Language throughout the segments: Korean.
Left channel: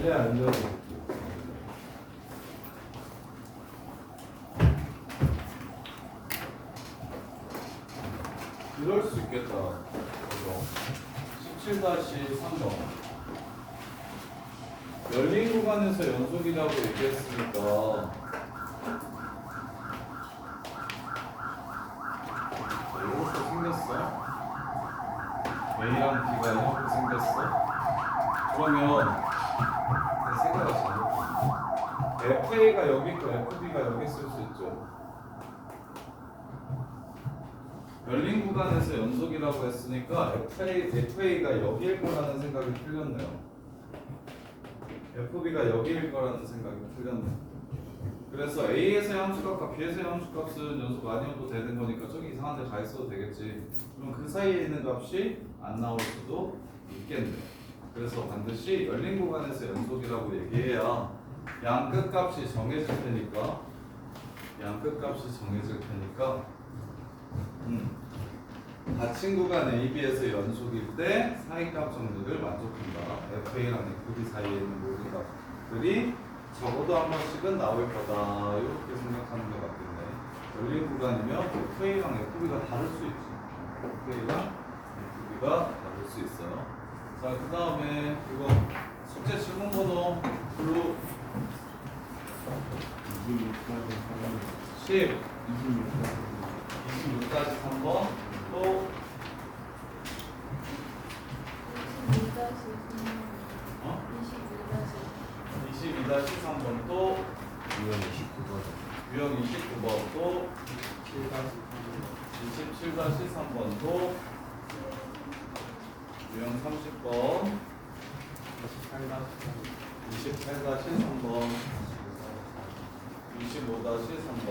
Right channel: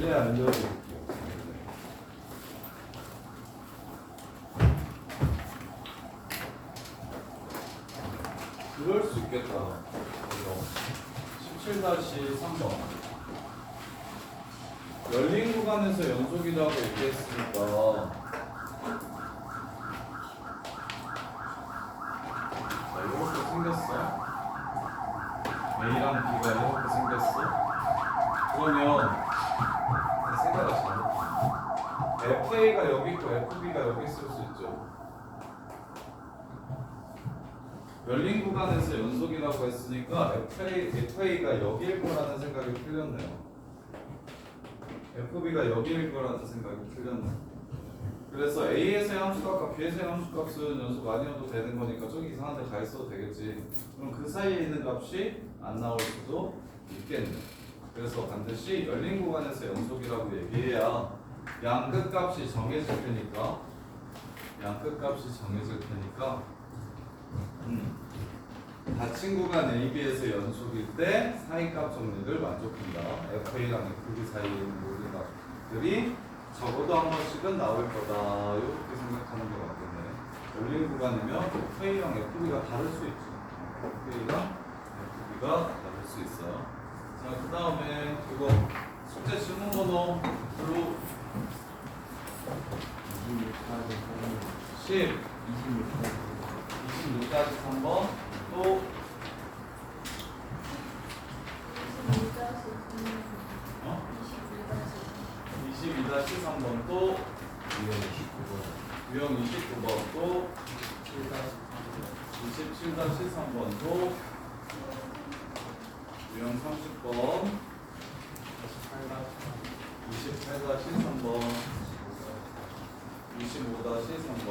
원래 알려드릴게요. 이럴 수 있겠다. 이거 17-3번. 열린 구간에서 연속이라고 얘기했으니까 자, 이렇게 생겼어. A랑 B가 이렇게 생겼어. 그러면 생각을 잘못했네. FA가 여기 있고 FB가 여기 있을 수 있죠. 열린 구간에서 연속이라고 했으니까 FA가 여기일 거라는 생각이 틀렸네요. FB가 여기일 거라는 생각이 틀렸네. 그래서 A에서의 함수값과 B에서의 함수값은 연속 아니어도 되는 거니까 저기 이상한 데 가 있어도 되겠지. 그럼 그 사이에 있는 값이 안 나올 수도 있겠네. 그래서 반드시 열린 구간에서 연속이라고 얘기해야 양 끝값이 정해질 테니까 닫힌 구간 AB에서 연속일 때 사이값 정리를 만족한다. FA랑 FB 사이에 있는 모든 값들이 적어도 한 번씩은 나올 거다. 이렇게 생각하는 게 맞겠네. 열린 구간이면 FA랑 FB가 다를 수 있지. FA랑 FB가 다를 수 있어요. 자, 그 다음에 이거 숙제 질문 번호 블루 10 26까지 3번 또 22-3번 또 유형 29번 또 27-3번 또 유형 30번 28-3번 25-3번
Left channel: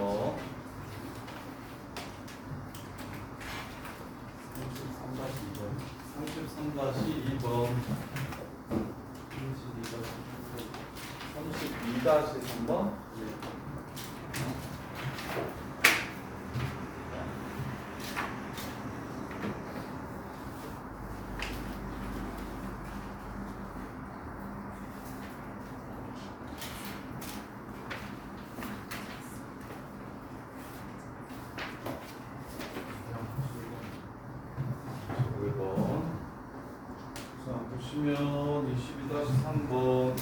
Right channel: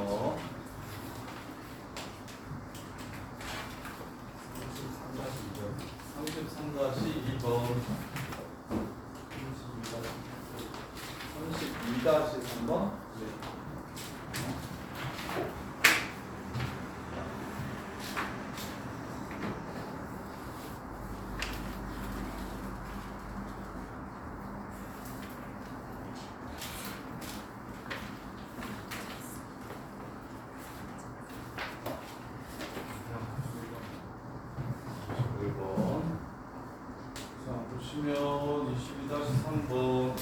33-2번 32-3번 보시면 22-3번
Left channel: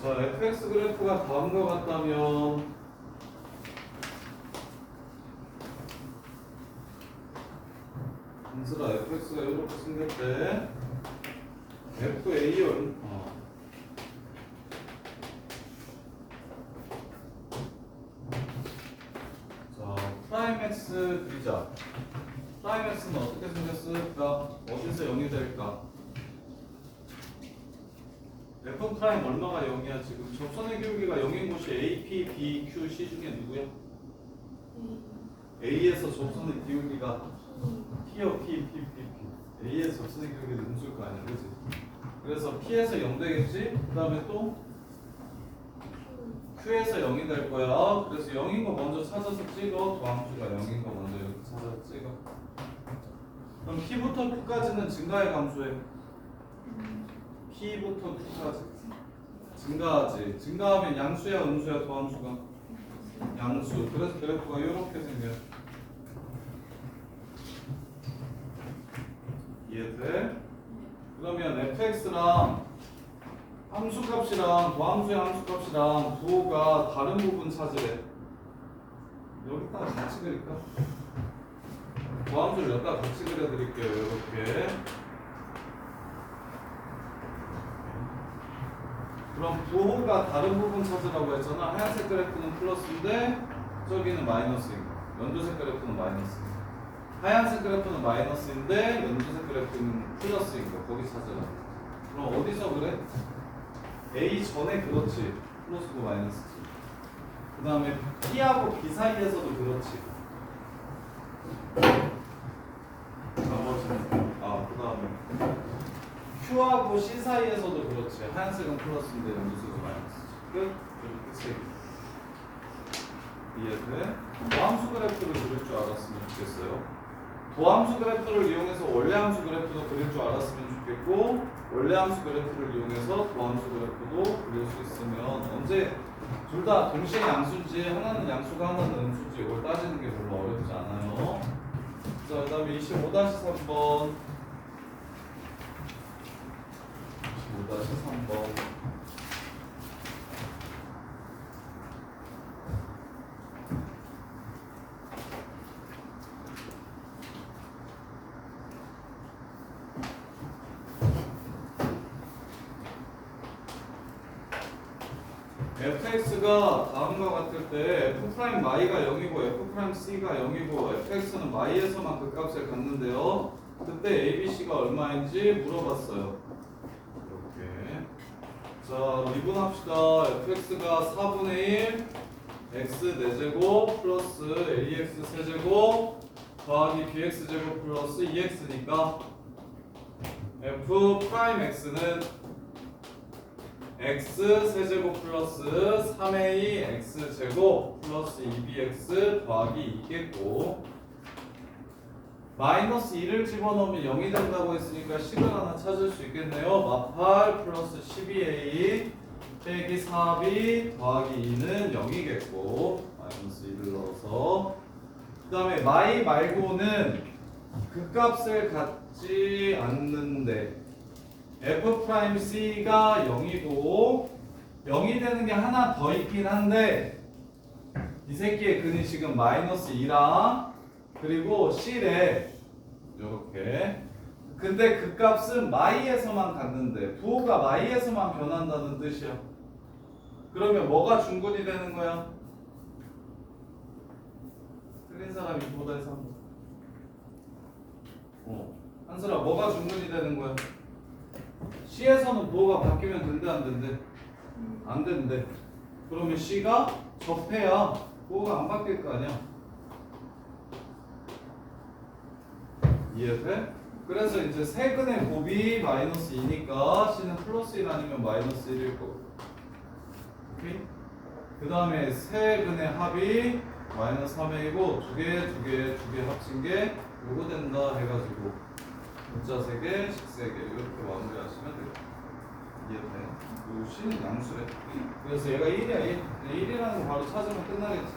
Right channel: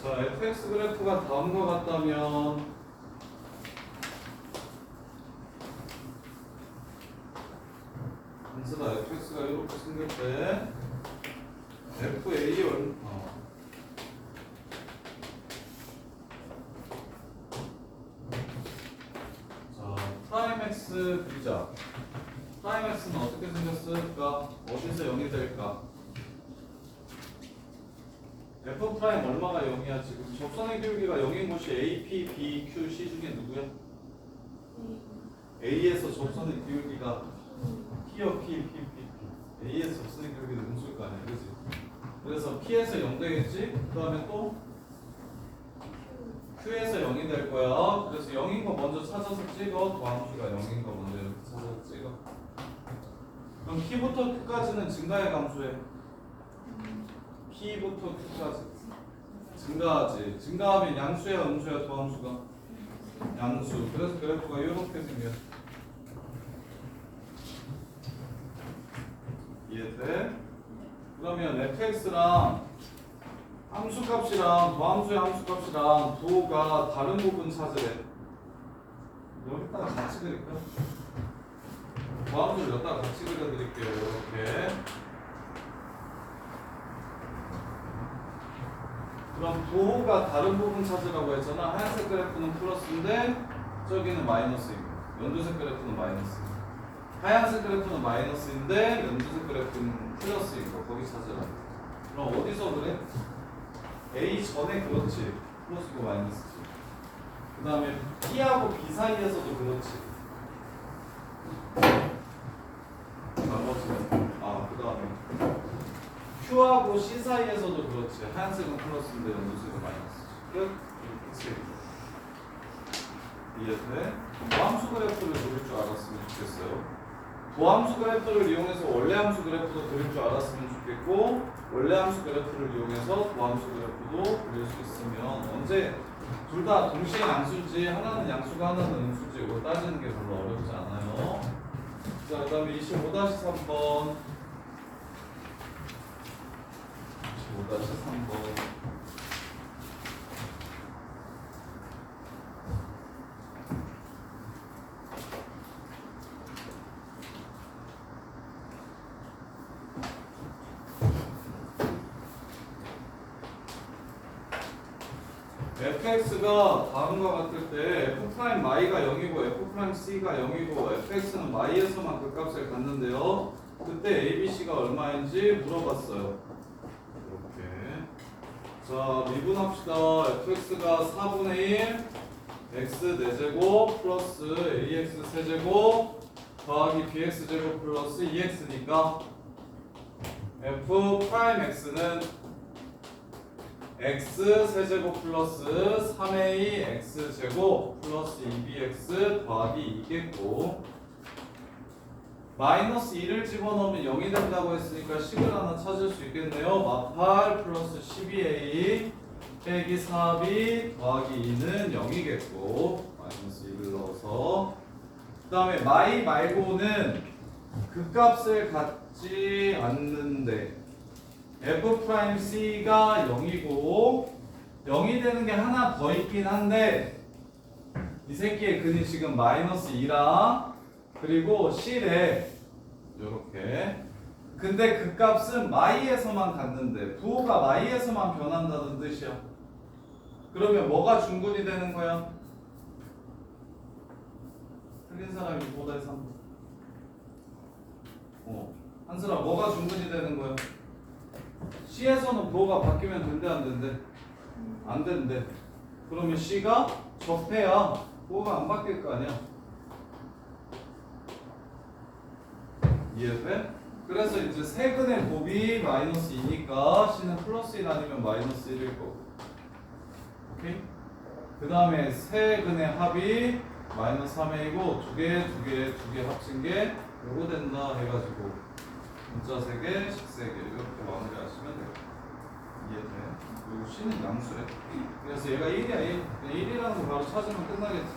자, fx 그래프가 다음과 같다면 인수가 fx가 이렇게 생겼대. FA 프라임 x 그리자. 프라임 x는 어떻게 생겼을까? 어디서 0이 될까? f 프라임 얼마가 0이야 지금? 접선의 기울기가 0인 곳이 A, P, B, Q, C 중에 누구야? A에서 접선의 기울기가 P요, P, P, P, P. A에서 접선의 기울기는 음수일 거 아니야, 그지? 그래서 P에서 0 되겠지? 그 다음에 또 Q에서 0이 될 거야. 그래서 0인 거 먼저 찾아서 찍어. 도함수가 0인 거 먼저 이렇게 찾아서 찍어. 그럼 P부터 Q까지는 증가의 감소해. P부터 Q까지 증가하지. 증가하면 양수야 음수야 도함수가? 양수. 그래서 그래프가 이렇게 생겨. 이해돼? 그러면 fx랑 함수값이랑 도함수의 함수값이랑 부호가 다른 부분 찾으래. 여기다가 같이 그릴까? 도함수를 여기다가 같이 그려드릴게요. 이렇게. 그럼 부호가 다른 부분 찾으라고 했잖아. 하얀색 그래프는 플러스인데 저기는 마이너스인 거. 연두색 그래프는 마이너스. 하얀색 그래프는 마이너스인데 연두색 그래프는 플러스인 거. 거기 찾으라. 그럼 어디서 그래? A 전에 그렇지. 플러스고 마이너스지. 그 다음에 P하고 B 사이에서도 그렇지. 나머지는 그 다음에 Q하고 C 사이에서도 그렇지. 하얀색은 플러스인데 연두색은 마이너스지. 끝. 이렇게 세 개. 이해돼? 도함수 그래프를 그릴 줄 알았으면 좋겠어요. 도함수 그래프를 이용해서 원래 함수 그래프도 그릴 줄 알았으면 좋겠고, 원래 함수 그래프를 이용해서 도함수 그래프도 그릴 수 있으면, 언제 둘 다 동시에 양수인지 하나는 양수가 하나는 음수인지 이걸 따지는 게 별로 어렵지 않아요. 자, 그 다음에 25-3번 25-3번 fx가 다음과 같을 때 f'y가 0이고 f'c가 0이고 fx는 y에서만 그 값을 갖는데요. 그때 abc가 얼마인지 물어봤어요. 이렇게. 자, 미분합시다. fx가 4분의 1 x 4제곱 플러스 ax 세제곱 더하기 bx제곱 플러스 2x니까 f'x는 x 세제곱 플러스 3a x 제곱 플러스 2bx 더하기 2겠고, 마이너스 2를 집어넣으면 0이 된다고 했으니까 식을 하나 찾을 수 있겠네요. 마팔 플러스 12a 빼기 4b 더하기 2는 0이겠고, 마이너스 2를 넣어서, 그 다음에 마이 말고는 그 값을 갖지 않는데 f'c가 0이고 0이 되는 게 하나 더 있긴 한데, 이 새끼의 근이 지금 마이너스 2랑 그리고 c래 요렇게. 근데 그 값은 마이에서만 갖는데 부호가 마이에서만 변한다는 뜻이야. 그러면 뭐가 중근이 되는 거야? 틀린 사람이 보다에서 한슬아, 뭐가 중근이 되는 거야? C에서는 부호가 바뀌면 된대 안 된대? 안 된대. 그러면 C가 적폐야. 부호가 안 바뀔 거 아니야. 이해돼? 그래서 이제 세근의 곱이 마이너스 2니까 C는 플러스 1 아니면 마이너스 1일 거고. 오케이? 그 다음에 세근의 합이 마이너스 3a이고 두 개 합친 게 요거 된다 해가지고 문자 3개, 식 3개 이렇게 마무리하시면 돼요. 이해돼? 그리고 C는 양수래. 그래서 얘가 1이야. 1이라는 거 바로 찾으면 끝나겠지.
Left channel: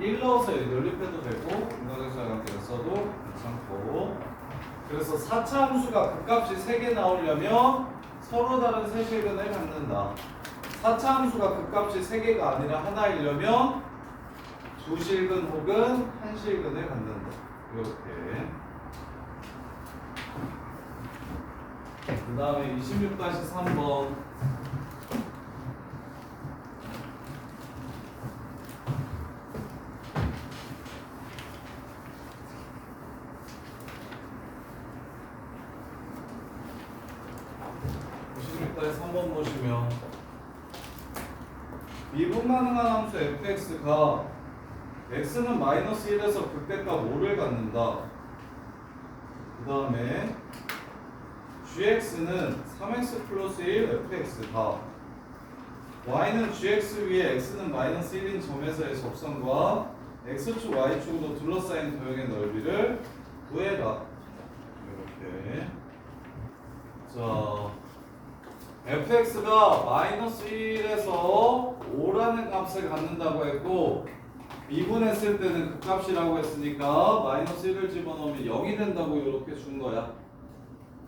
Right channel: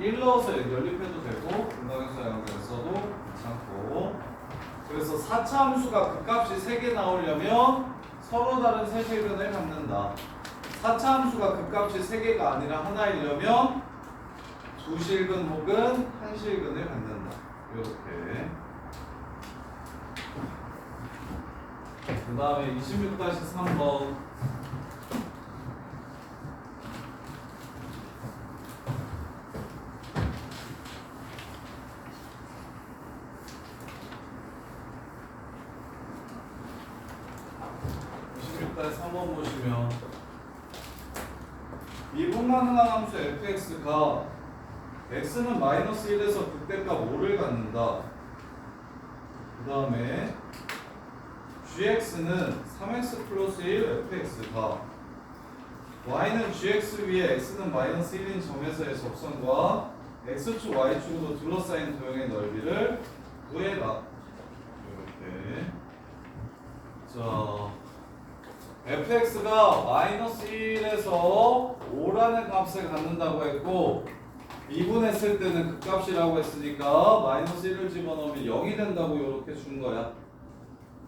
1 넣어서 연립해도 되고 분각에서 써도 괜찮고. 그래서 4차 함수가 그 값이 3개 나오려면 서로 다른 세실근을 갖는다. 4차 함수가 그 값이 3개가 아니라 하나이려면 2실근 혹은 1실근을 갖는다. 이렇게. 그 다음에 26-3번 보시면 미분 가능한 함수 fx가 x는 마이너스 1에서 극대값 5를 갖는다. 그 다음에 gx는 3x 플러스 1 fx가 y는 gx 위에 x는 마이너스 1인 점에서의 접선과 x축 y축으로 둘러싸인 도형의 넓이를 구해라. 이렇게. 자, fx가 마이너스 1에서 5라는 값을 갖는다고 했고 미분했을 때는 그 값이라고 했으니까 마이너스 1을 집어넣으면 0이 된다고 이렇게 준 거야.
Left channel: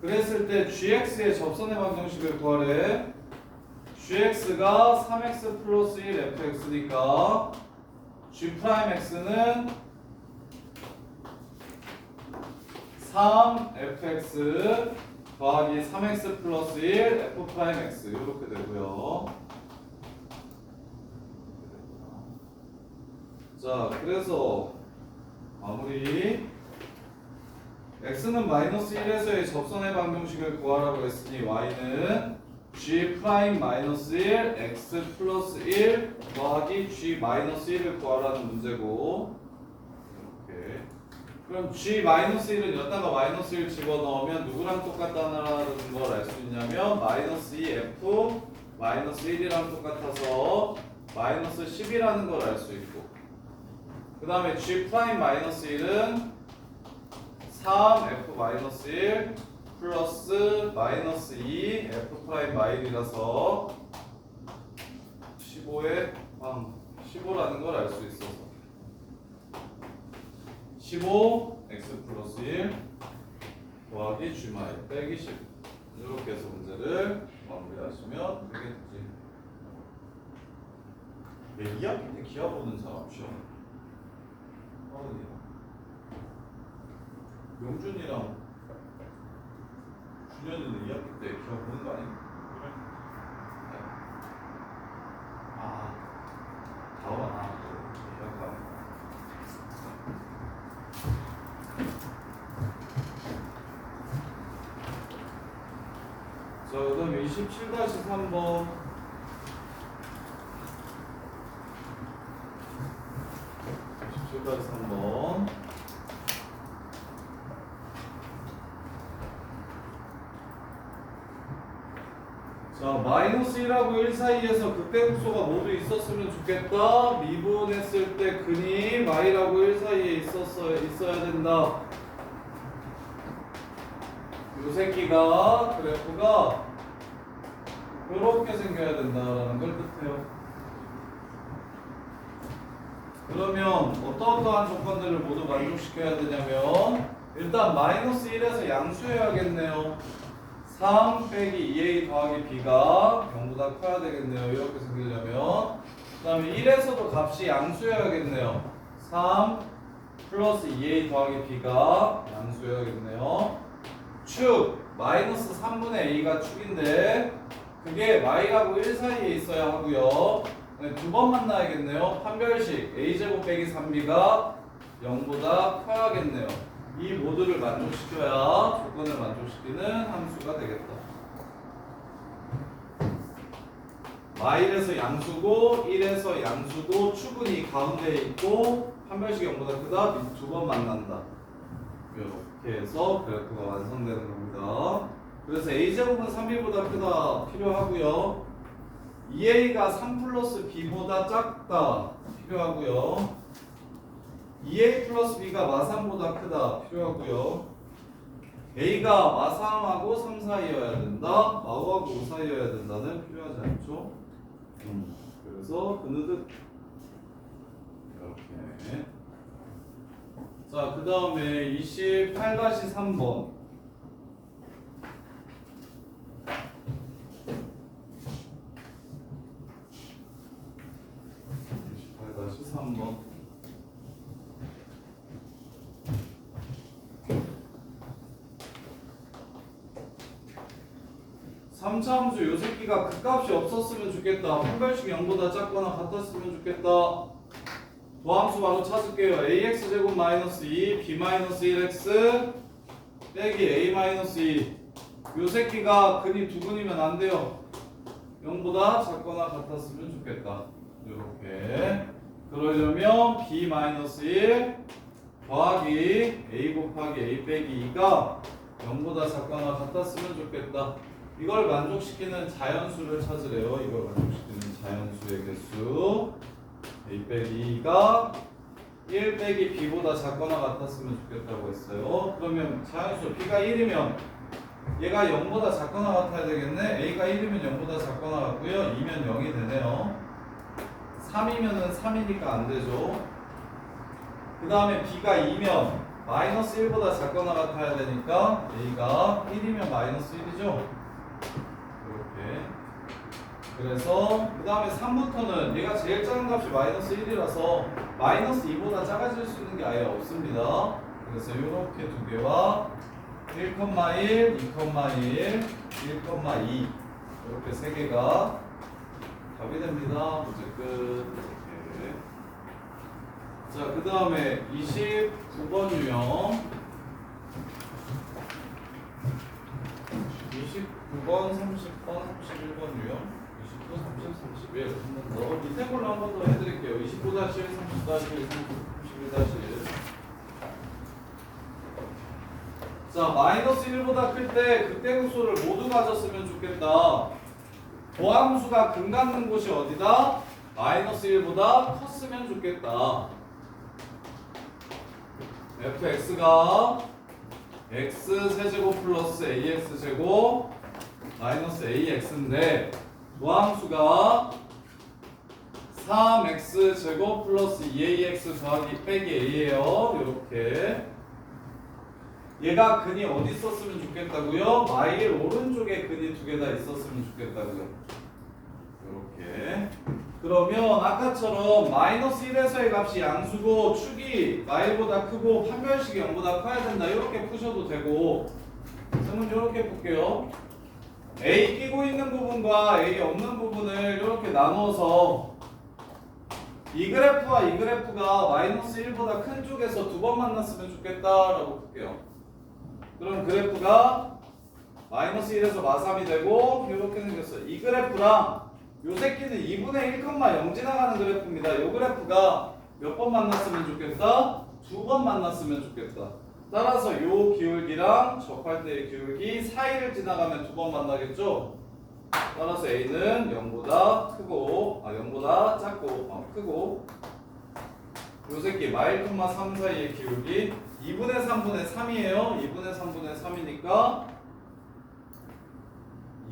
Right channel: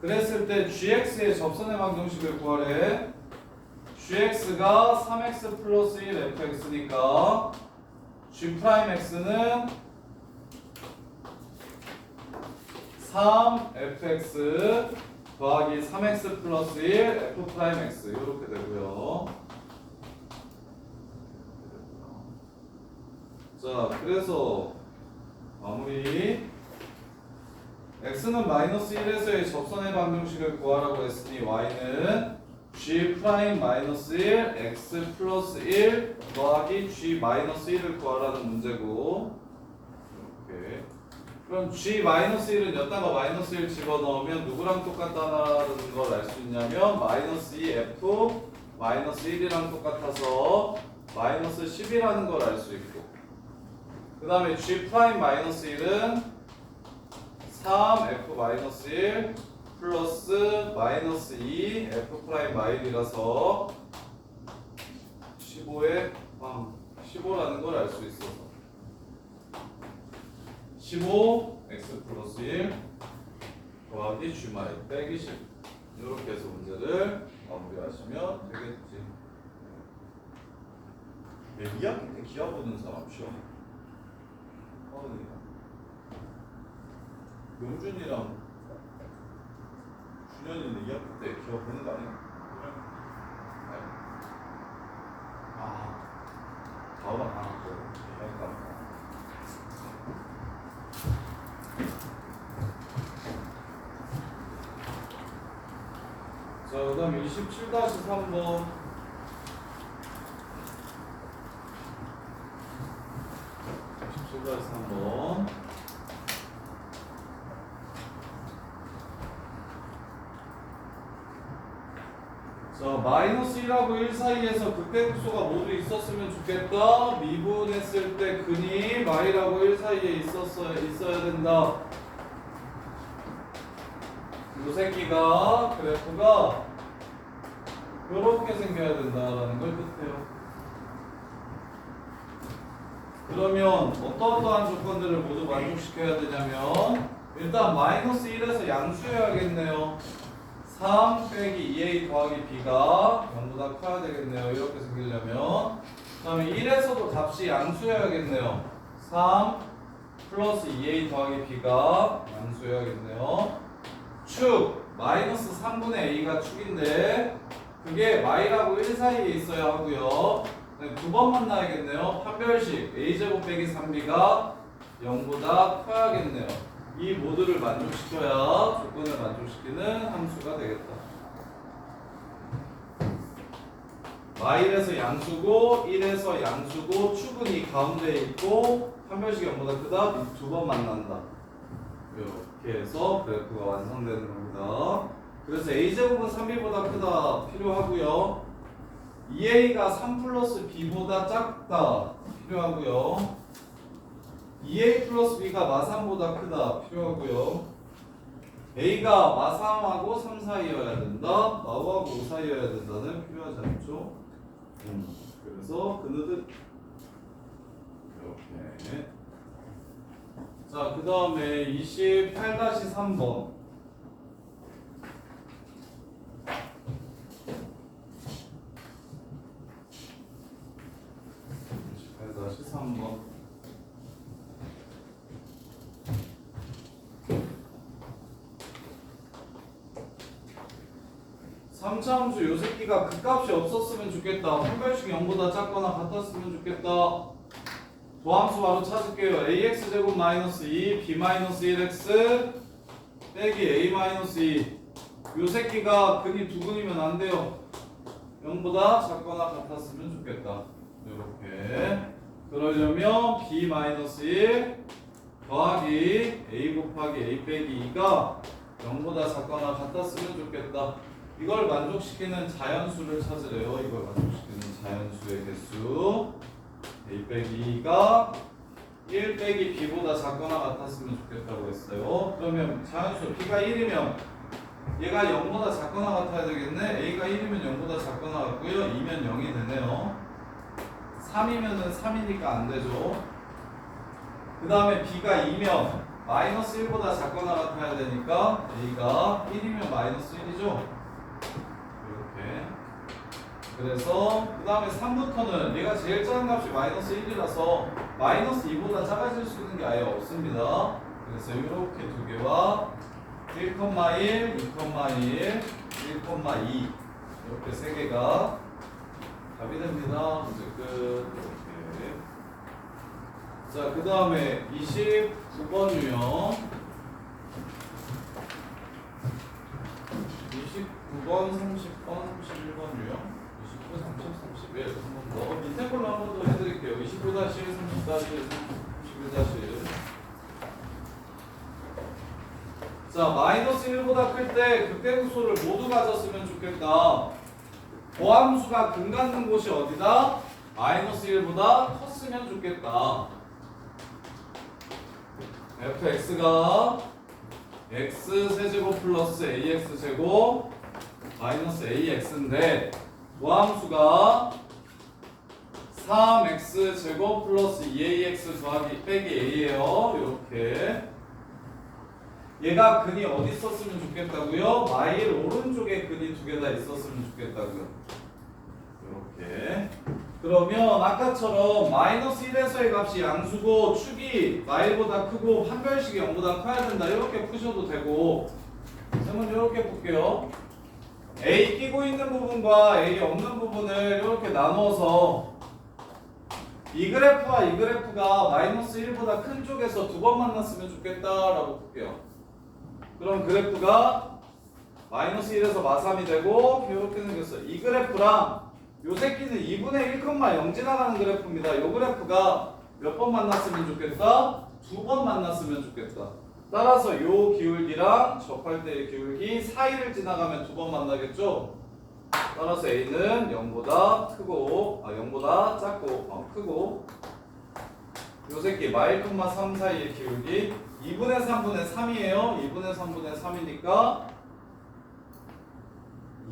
그랬을 때 gx의 접선의 방정식을 구하래. gx가 3x 플러스 1 fx니까 g'x는 3fx 더하기 3x 플러스 1 f'x 이렇게 되고요. 자, 그래서 마무리. x는 마이너스 1에서의 접선의 방정식을 구하라고 했으니 y는 g 프라임 마이너스 1 x 플러스 1 더하기 g 마이너스 1을 구하라는 문제고. 이렇게. 그럼 g 마이너스 1은 여기다가 마이너스 1 집어넣으면 누구랑 똑같다는 걸 알 수 있냐면 마이너스 2 f 마이너스 1이랑 똑같아서 마이너스 10이라는 걸 알 수 있고, 그 다음에 G 프라임 마이너스 1은 3F 마이너스 1 플러스 마이너스 2 F 프라임 마일이라서 15에 15라는 걸 알 수 있어서 15 X 플러스 1 더하기 G 마일 빼기 10 이렇게 해서 문제를 마무리하시면 되겠지. 2학기 때 기하 보는 사람 시험 어른이야. 명준이랑 준현이는 2학기 때 기하 보는 거 아니야? 자, 그 다음에 27-3번. 자, 마이너스 1하고 1 사이에서 극대극소가 모두 있었으면 좋겠다. 미분했을 때 근이 마이하고 1 사이에 있어야 된다. 요 새끼가 그래프가 이렇게 생겨야 된다라는 걸 뜻해요. 그러면 어떠한 조건들을 모두 만족시켜야 되냐면 일단 마이너스 1에서 양수해야겠네요. 3 빼기 2a 더하기 b가 0보다 커야 되겠네요. 이렇게 생기려면. 그 다음에 1에서도 값이 양수해야겠네요. 3 플러스 2a 더하기 b가 양수해야겠네요. 축 마이너스 3분의 a가 축인데 그게 마이하고 1 사이에 있어야 하고요. 두 번 만나야겠네요. 판별식 a제곱 빼기 3b가 0보다 커야겠네요. 이 모두를 만족시켜야 조건을 만족시키는 함수가 되겠다. 마일에서 양수고 1에서 양수고 축은 이 가운데에 있고 판별식이 0보다 크다. 두 번 만난다. 이렇게 해서 그래프가 완성되는 겁니다. 그래서 a제곱은 3b보다 크다 필요하고요. 2a가 3 플러스 b보다 작다 필요하고요. 2a 플러스 b가 마3보다 크다 필요하고요. a가 마3하고 3 사이여야 된다. 마5하고 5 사이여야 된다는 필요하지 않죠. 그래서 그느듯 이렇게. 자, 그 다음에 28-3번. 28-3번. 삼차함수 요 새끼가 그 값이 없었으면 좋겠다. 판별식이 0보다 작거나 같았으면 좋겠다. 도함수 바로 찾을게요. ax제곱 마이너스 2 b 마이너스 1x 빼기 a 마이너스 2. 요 새끼가 근이 두 근이면 안 돼요. 0보다 작거나 같았으면 좋겠다. 이렇게. 그러려면 b 마이너스 1 더하기 a 곱하기 a 빼기 2가 0보다 작거나 같았으면 좋겠다. 이걸 만족시키는 자연수를 찾으래요. 이걸 만족시키는 자연수의 개수. a 빼기 2가 1 빼기 b보다 작거나 같았으면 좋겠다고 했어요. 그러면 자연수 b가 1이면 얘가 0보다 작거나 같아야 되겠네. a가 1이면 0보다 작거나 같고요. 2면 0이 되네요. 3이면은 3이니까 안 되죠. 그 다음에 b가 2면 마이너스 1보다 작거나 같아야 되니까 a가 1이면 마이너스 1이죠. 이렇게. 그래서 그 다음에 3부터는 얘가 제일 작은 값이 마이너스 1이라서 마이너스 2보다 작아질 수 있는 게 아예 없습니다. 그래서 이렇게 두 개와 1,1, 2,1, 1,2 이렇게 세 개가 답이 됩니다. 문제 끝. 이렇게. 자, 그 다음에 29번 유형. 29번, 30번, 31번 유형. 29, 30, 31. 한 번 더. 밑에 걸로 한 번 더 해드릴게요. 29-1, 30-1, 31-1. 자, 마이너스 1보다 클 때 극대극소를 모두 가졌으면 좋겠다. 도함수가 근 갖는 곳이 어디다? 마이너스 1보다 컸으면 좋겠다. fx가 x 세제곱 플러스 ax 제곱 마이너스 ax인데 도함수가 3x 제곱 플러스 2ax 더하기 빼기 a예요. 이렇게 얘가 근이 어디 있었으면 좋겠다고요? 마일 오른쪽에 근이 두 개 다 있었으면 좋겠다고요. 이렇게 그러면 아까처럼 마이너스 1에서의 값이 양수고 축이 마일보다 크고 판별식이 0보다 커야 된다. 이렇게 푸셔도 되고 저는 이렇게 볼게요. A 끼고 있는 부분과 A 없는 부분을 이렇게 나누어서 이 그래프와 이 그래프가 마이너스 1보다 큰 쪽에서 두 번 만났으면 좋겠다라고 볼게요. 그럼 그래프가 마이너스 1에서 마3이 되고 이렇게 생겼어요. 이 그래프랑 요 새끼는 2분의 1,0 지나가는 그래프입니다. 요 그래프가 몇 번 만났으면 좋겠다? 두 번 만났으면 좋겠다. 따라서 요 기울기랑 접할 때의 기울기 사이를 지나가면 두 번 만나겠죠? 따라서 A는 0보다 크고 0보다 작고 크고 요 새끼 마일, 3 사이의 기울기 2분의 3분의 3이에요. 2분의 3분의 3이니까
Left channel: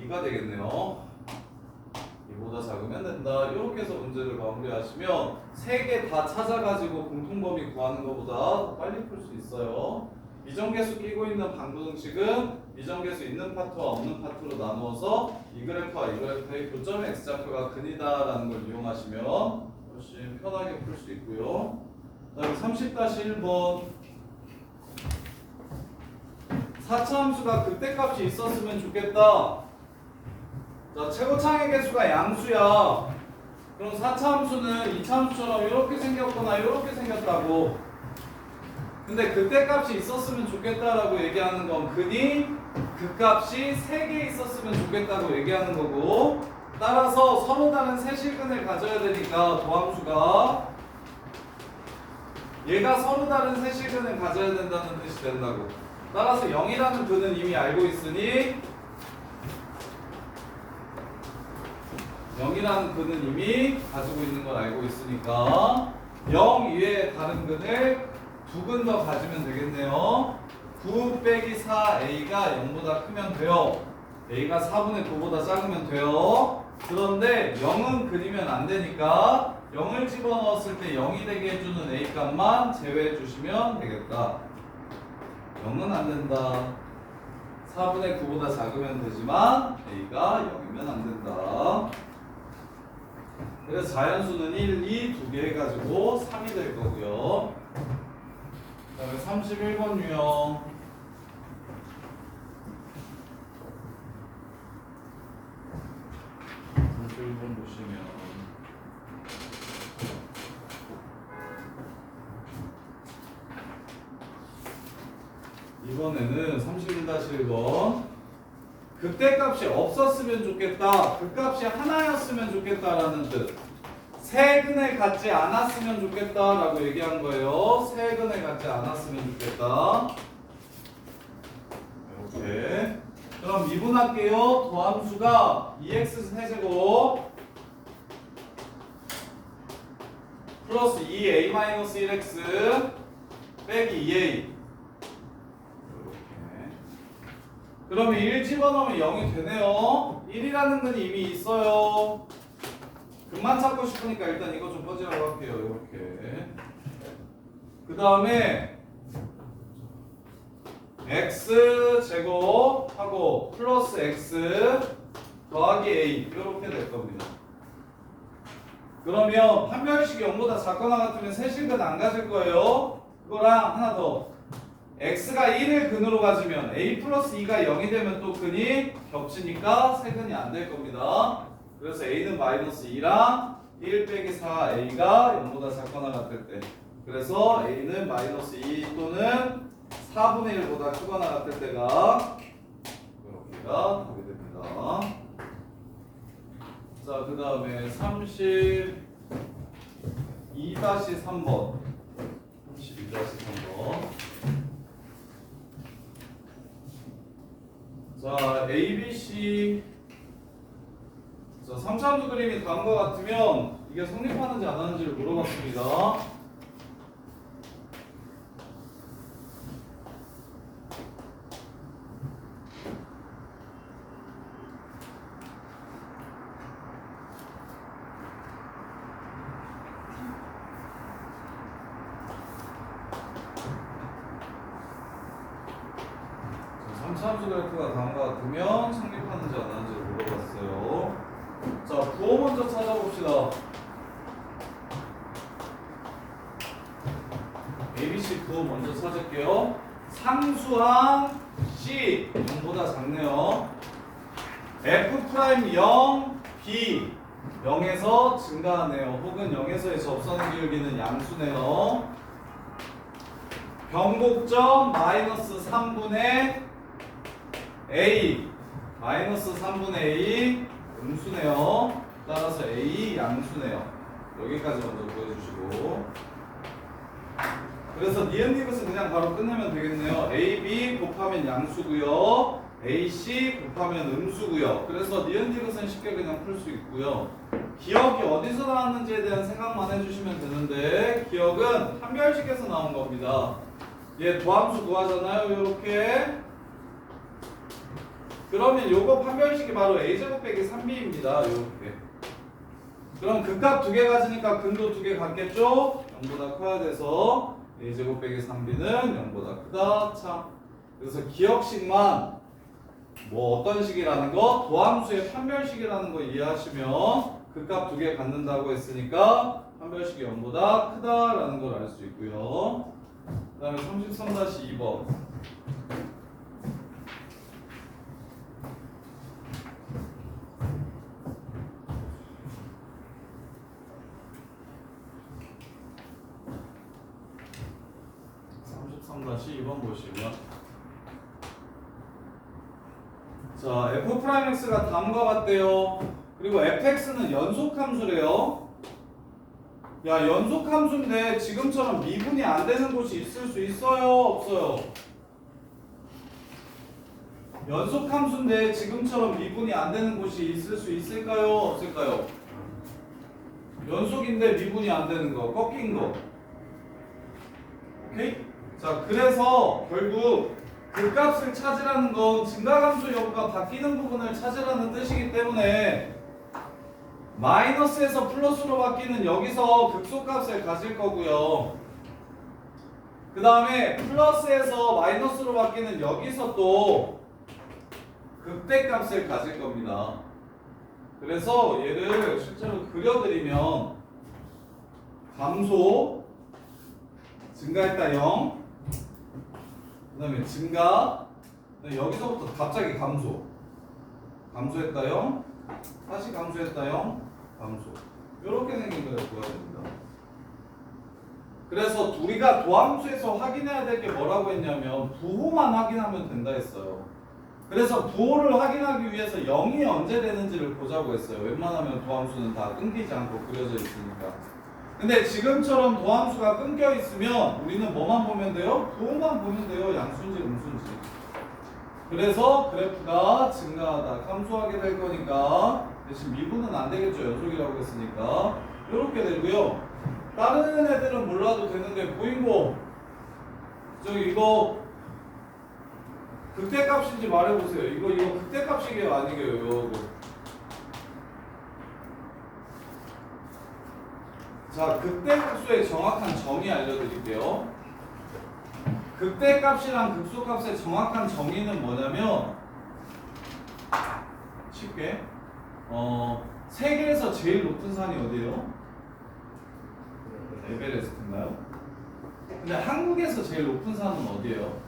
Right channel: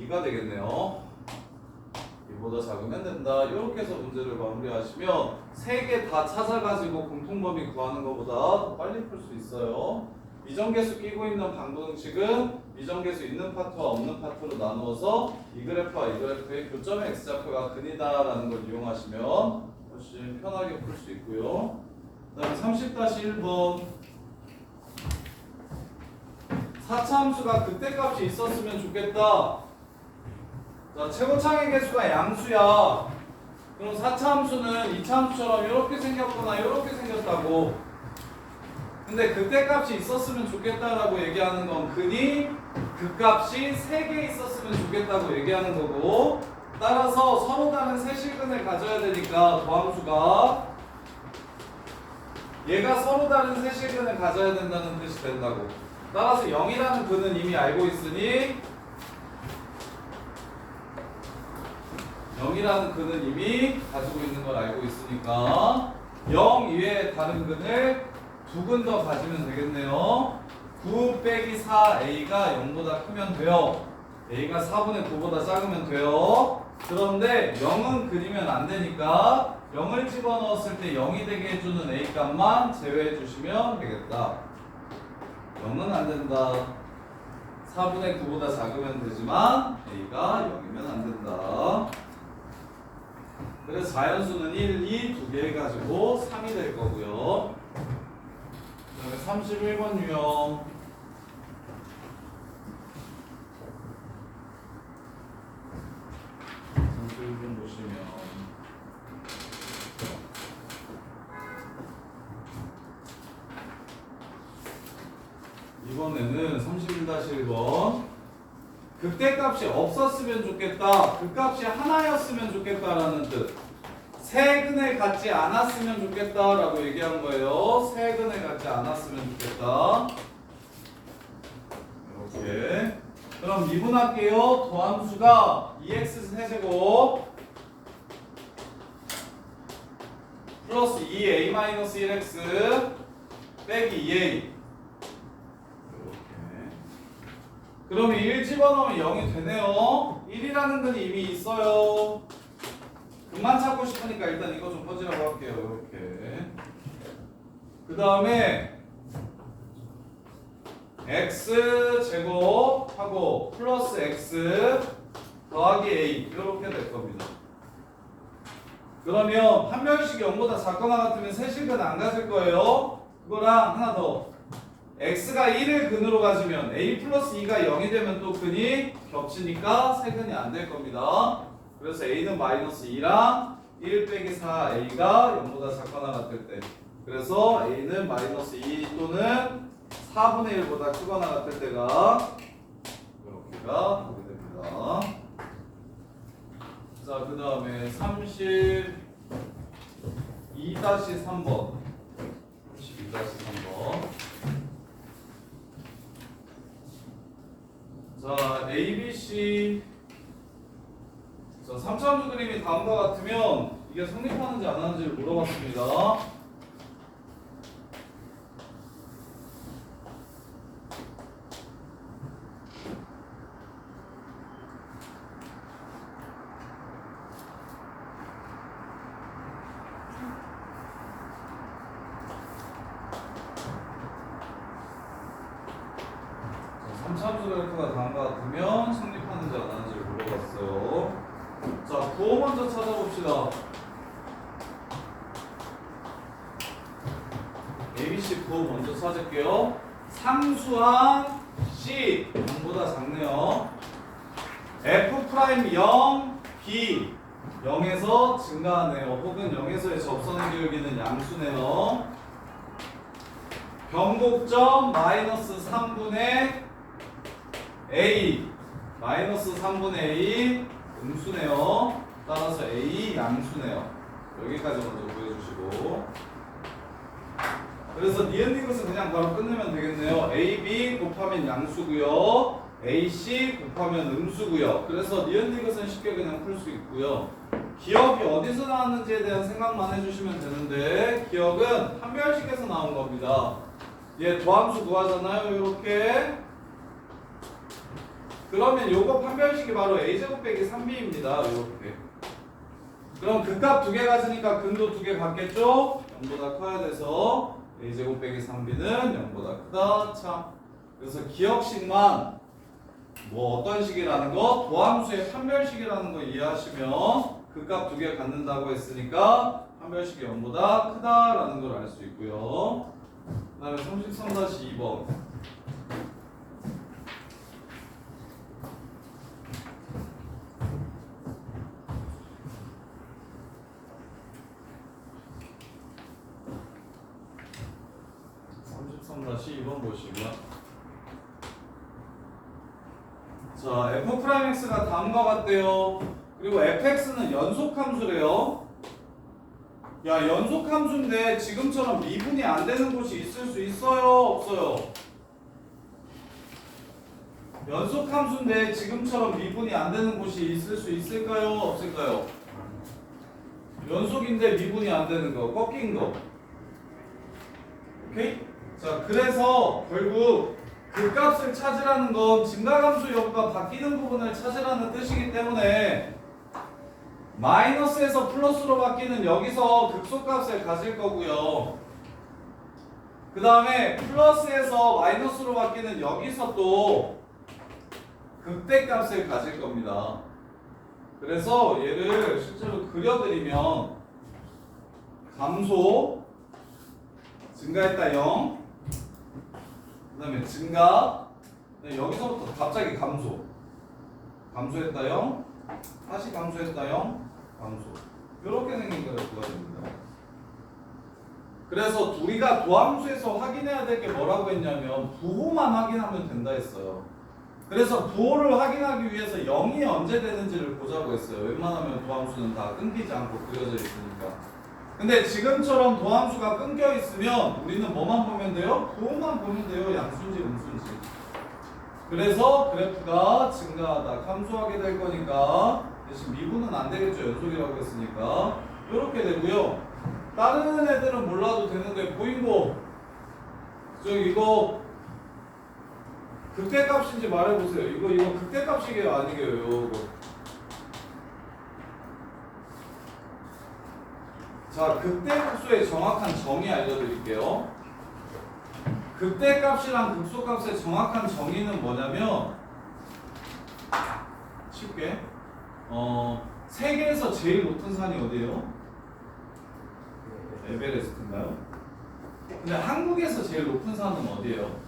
2가 되겠네요. 이보다 작으면 된다. 이렇게 해서 문제를 마무리하시면 세 개 다 찾아가지고 공통범위 구하는 것보다 더 빨리 풀 수 있어요. 이정계수 끼고 있는 방정식은 이정계수 있는 파트와 없는 파트로 나누어서 이 그래프와 이 그래프의 교점의 x좌표가 근이다라는 걸 이용하시면 훨씬 편하게 풀 수 있고요. 그 다음에 30-1번 4차 함수가 극대값이 있었으면 좋겠다. 자, 최고창의 개수가 양수야. 그럼 4차 함수는 2차 함수처럼 이렇게 생겼거나 이렇게 생겼다고. 근데 극대값이 있었으면 좋겠다라고 얘기하는 건 근이 극값이 3개 있었으면 좋겠다고 얘기하는 거고, 따라서 서로 다른 세실근을 가져야 되니까 도함수가 얘가 서로 다른 세실근을 가져야 된다는 뜻이 된다고. 따라서 0이라는 근은 이미 알고 있으니 0이라는 근은 이미 가지고 있는 걸 알고 있으니까 0 이외에 다른 근을 두 근 더 가지면 되겠네요. 9 빼기 4a가 0보다 크면 돼요. a가 4분의 9보다 작으면 돼요. 그런데 0은 그리면 안 되니까 0을 집어넣었을 때 0이 되게 해주는 a 값만 제외해 주시면 되겠다. 0은 안 된다. 4분의 9보다 작으면 되지만 a가 0이면 안 된다. 그래서 자연수는 1, 2 두 개 해가지고 3이 될 거고요. 그 다음에 31번 유형. 보시면 이번에는 31-1번 극대값이 없었으면 좋겠다. 극값이 하나였으면 좋겠다라는 뜻. 세 근을 갖지 않았으면 좋겠다라고 얘기한 거예요. 세 근을 갖지 않았으면 좋겠다. 이렇게. 그럼 미분할게요. 도함수가 2x 세제곱 플러스 2a-1x 빼기 2a. 그럼 1 집어넣으면 0이 되네요. 1이라는 근이 이미 있어요. 근만 찾고 싶으니까 일단 이거 좀 퍼지라고 할게요. 이렇게. 그 다음에 x 제곱하고 플러스 x 더하기 a 이렇게 될 겁니다. 그러면 판별식이 0보다 작거나 같으면 세실근 안 가질 거예요. 그거랑 하나 더. x가 1을 근으로 가지면 a 플러스 2가 0이 되면 또 근이 겹치니까 세근이 안 될 겁니다. 그래서 a는 마이너스 2랑 1 빼기 4a가 0보다 작거나 같을 때, 그래서 a는 마이너스 2 또는 4분의 1보다 크거나 같을 때가 이렇게가 되게 됩니다. 자, 그 다음에 32-3번 32-3번. 자, ABC 자, 3차함수 그림이 다음과 같으면 이게 성립하는지 안 하는지를 물어봤습니다. 삼차함수 그래프가 다음과 같으면 성립하는지 안 하는지를 물어봤어요. 자, 부호 먼저 찾아봅시다. ABC 부호 먼저 찾을게요. 상수항 C 0보다 작네요. F' 0, B 0에서 증가하네요. 혹은 0에서의 접선 기울기는 양수네요. 변곡점 마이너스 3분의 A 마이너스 3분의 A 음수네요. 따라서 A 양수네요. 여기까지 먼저 구해주시고, 그래서 니은디귿은 그냥 바로 끝내면 되겠네요. AB 곱하면 양수고요, AC 곱하면 음수고요. 그래서 니은디귿은 쉽게 그냥 풀 수 있고요. 기억이 어디서 나왔는지에 대한 생각만 해주시면 되는데, 기억은 판별식에서 나온 겁니다. 얘 도함수 구하잖아요. 이렇게. 그러면 요거 판별식이 바로 a제곱 빼기 3b입니다. 이렇게. 그럼 극값 두 개 가지니까 근도 두 개 같겠죠? 0보다 커야 돼서 a제곱 빼기 3b는 0보다 크다. 참. 그래서 기억식만 뭐 어떤 식이라는 거, 도함수의 판별식이라는 거 이해하시면 극값 두 개 갖는다고 했으니까 판별식이 0보다 크다라는 걸 알 수 있고요. 그 다음에 33-2번. 다시 2번 보시고요. 자, f'x가 다음과 같대요. 그리고 fx는 연속함수래요. 야, 연속함수인데 지금처럼 미분이 안 되는 곳이 있을 수 있어요? 없어요? 연속함수인데 지금처럼 미분이 안 되는 곳이 있을 수 있을까요? 없을까요? 연속인데 미분이 안 되는 거, 꺾인 거. 오케이? 자, 그래서 결국 그 값을 찾으라는 건 증가함수 여부가 바뀌는 부분을 찾으라는 뜻이기 때문에 마이너스에서 플러스로 바뀌는 여기서 극소값을 가질 거고요. 그 다음에 플러스에서 마이너스로 바뀌는 여기서 또 극대값을 가질 겁니다. 그래서 얘를 실제로 그려드리면 감소, 증가했다 0, 그 다음에 증가, 여기서부터 갑자기 감소, 감소했다 0, 다시 감소했다 0, 감소. 이렇게 생긴 그래프가 됩니다. 그래서 우리가 도함수에서 확인해야 될 게 뭐라고 했냐면 부호만 확인하면 된다 했어요. 그래서 부호를 확인하기 위해서 0이 언제 되는지를 보자고 했어요. 웬만하면 도함수는 다 끊기지 않고 그려져 있으니까. 근데 지금처럼 도함수가 끊겨 있으면 우리는 뭐만 보면 돼요? 부호만 보면 돼요. 양수인지 음수인지. 그래서 그래프가 증가하다 감소하게 될 거니까 대신 미분은 안 되겠죠. 연속이라고 했으니까. 이렇게 되고요. 다른 애들은 몰라도 되는데 보이고 저기 이거 극대값인지 말해보세요. 이거 극대값이게요? 아니게요? 이거. 자, 극대값수의 정확한 정의 알려드릴게요. 극대값이랑 극소값의 정확한 정의는 뭐냐면 쉽게 세계에서 제일 높은 산이 어디예요? 에베레스트인가요? 근데 한국에서 제일 높은 산은 어디예요?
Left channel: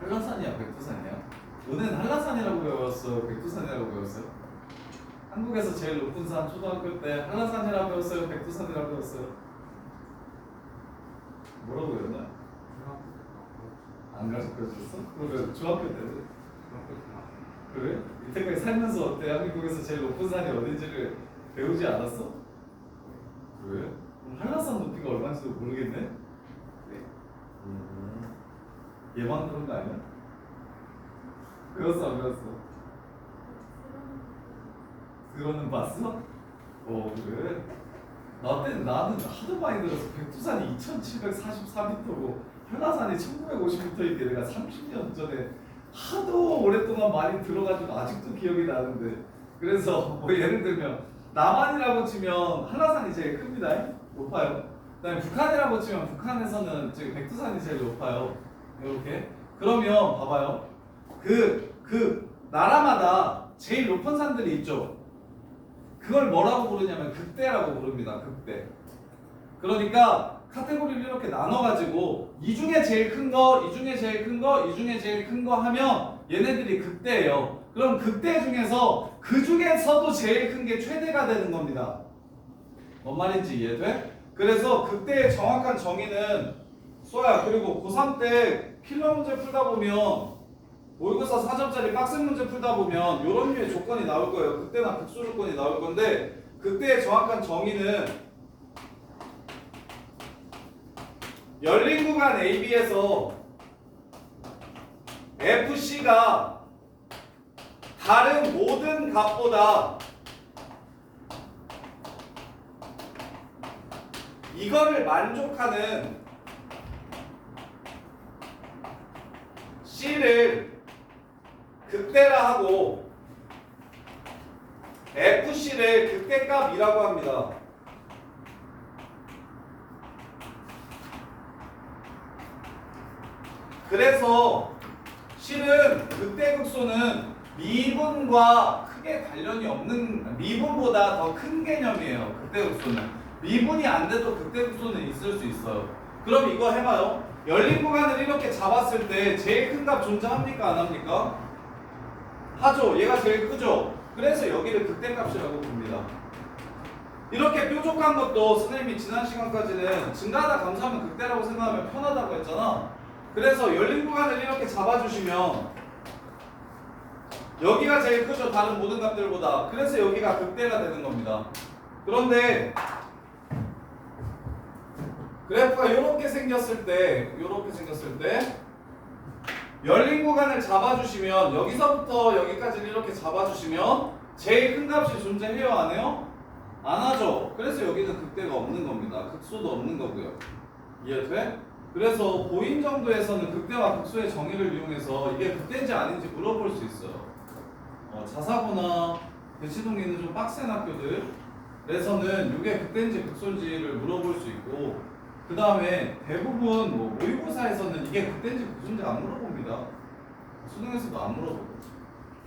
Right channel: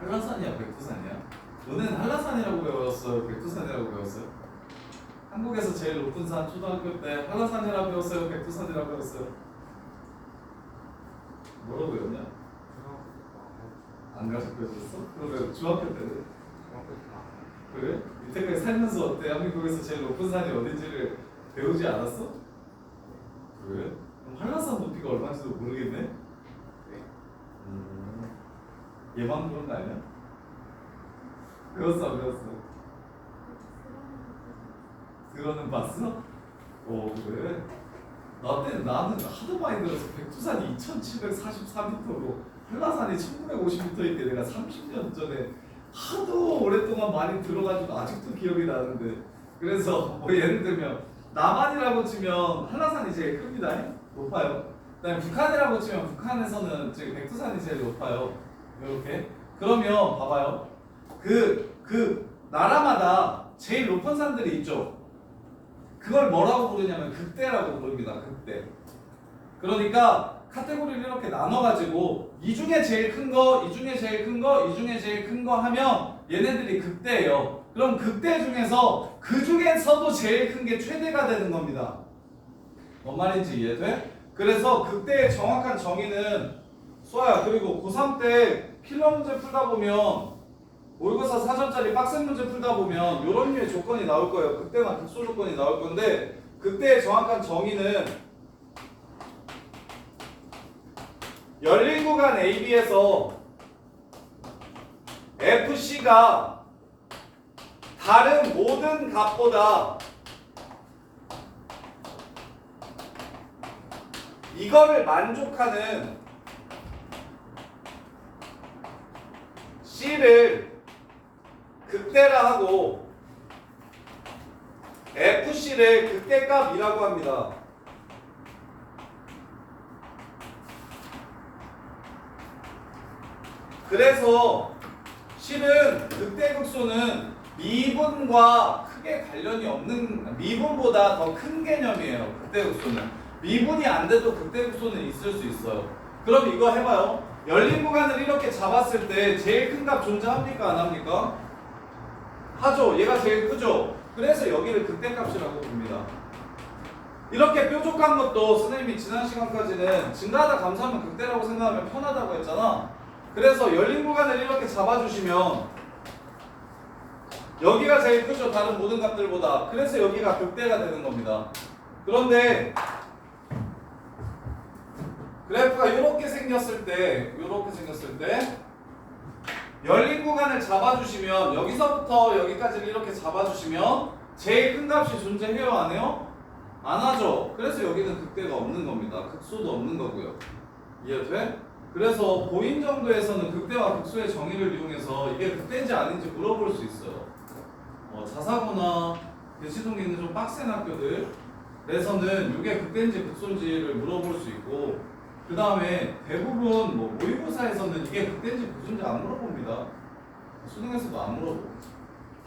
한라산이야, 백두산이야? 너는 한라산이라고 배웠어요? 백두산이라고 배웠어요? 한국에서 제일 높은 산 초등학교 때 한라산이라고 배웠어요? 백두산이라고 배웠어요? 뭐라고 배웠냐? 안 가르쳐 줬어? 그러면 중학교 때 그래? 이때까지 살면서 대한민국에서 제일 높은 산이 어딘지를 배우지 않았어? 그래? 그럼 한라산 높이가 얼마인지도 모르겠네? 얘만 그런 거 아니야? 배웠어 안 배웠어? 그거는 봤어? 그래. 나는 하도 많이 들어서 백두산이 2744m고 한라산이 1950m인데 내가 30년 전에 하도 오랫동안 많이 들어가지고 아직도 기억이 나는데 그래서 뭐 예를 들면 남한이라고 치면 한라산이 제일 큽니다. 높아요. 그다음에 북한이라고 치면 북한에서는 지금 백두산이 제일 높아요. 이렇게. 그러면 봐봐요. 그 나라마다 제일 높은 산들이 있죠. 그걸 뭐라고 부르냐면 극대라고 부릅니다. 극대. 그러니까 카테고리를 이렇게 나눠가지고 이 중에 제일 큰 거, 이 중에 제일 큰 거, 이 중에 제일 큰 거 하면 얘네들이 극대예요. 그럼 극대 중에서 그 중에서도 제일 큰 게 최대가 되는 겁니다. 뭔 말인지 이해돼? 그래서 극대의 정확한 정의는 수아야 그리고 고3 때 필러 문제 풀다 보면 모의고사 사전짜리 빡센 문제 풀다 보면 이런 류의 조건이 나올 거예요. 극대나 극소 조건이 나올 건데 극대의 정확한 정의는 열린 구간 AB에서 FC가 다른 모든 값보다 이거를 만족하는 C를 극대라 하고 FC를 극대값이라고 합니다. 그래서 실은 극대극소는 미분과 크게 관련이 없는 미분보다 더 큰 개념이에요. 극대극소는 미분이 안 돼도 극대극소는 있을 수 있어요. 그럼 이거 해봐요. 열린 구간을 이렇게 잡았을 때 제일 큰 값 존재합니까? 안 합니까? 하죠. 얘가 제일 크죠. 그래서 여기를 극대값이라고 부릅니다. 이렇게 뾰족한 것도 선생님이 지난 시간까지는 증가하다 감소하면 극대라고 생각하면 편하다고 했잖아. 그래서 열린 구간을 이렇게 잡아주시면 여기가 제일 크죠. 다른 모든 값들보다. 그래서 여기가 극대가 되는 겁니다. 그런데 그래프가 이렇게 생겼을 때 열린 구간을 잡아주시면 여기서부터 여기까지를 이렇게 잡아주시면 제일 큰 값이 존재해요? 안 해요? 안 하죠. 그래서 여기는 극대가 없는 겁니다. 극소도 없는 거고요. 이해돼? 그래서 고인 정도에서는 극대와 극소의 정의를 이용해서 이게 극대인지 아닌지 물어볼 수 있어요. 자사고나 대치동에 좀 빡센 학교들에서는 이게 극대인지 극소인지를 물어볼 수 있고 그 다음에 대부분 모의고사에서는 이게 극대인지 극소인지 안 물어봅니다. 수능에서도 안 물어보고.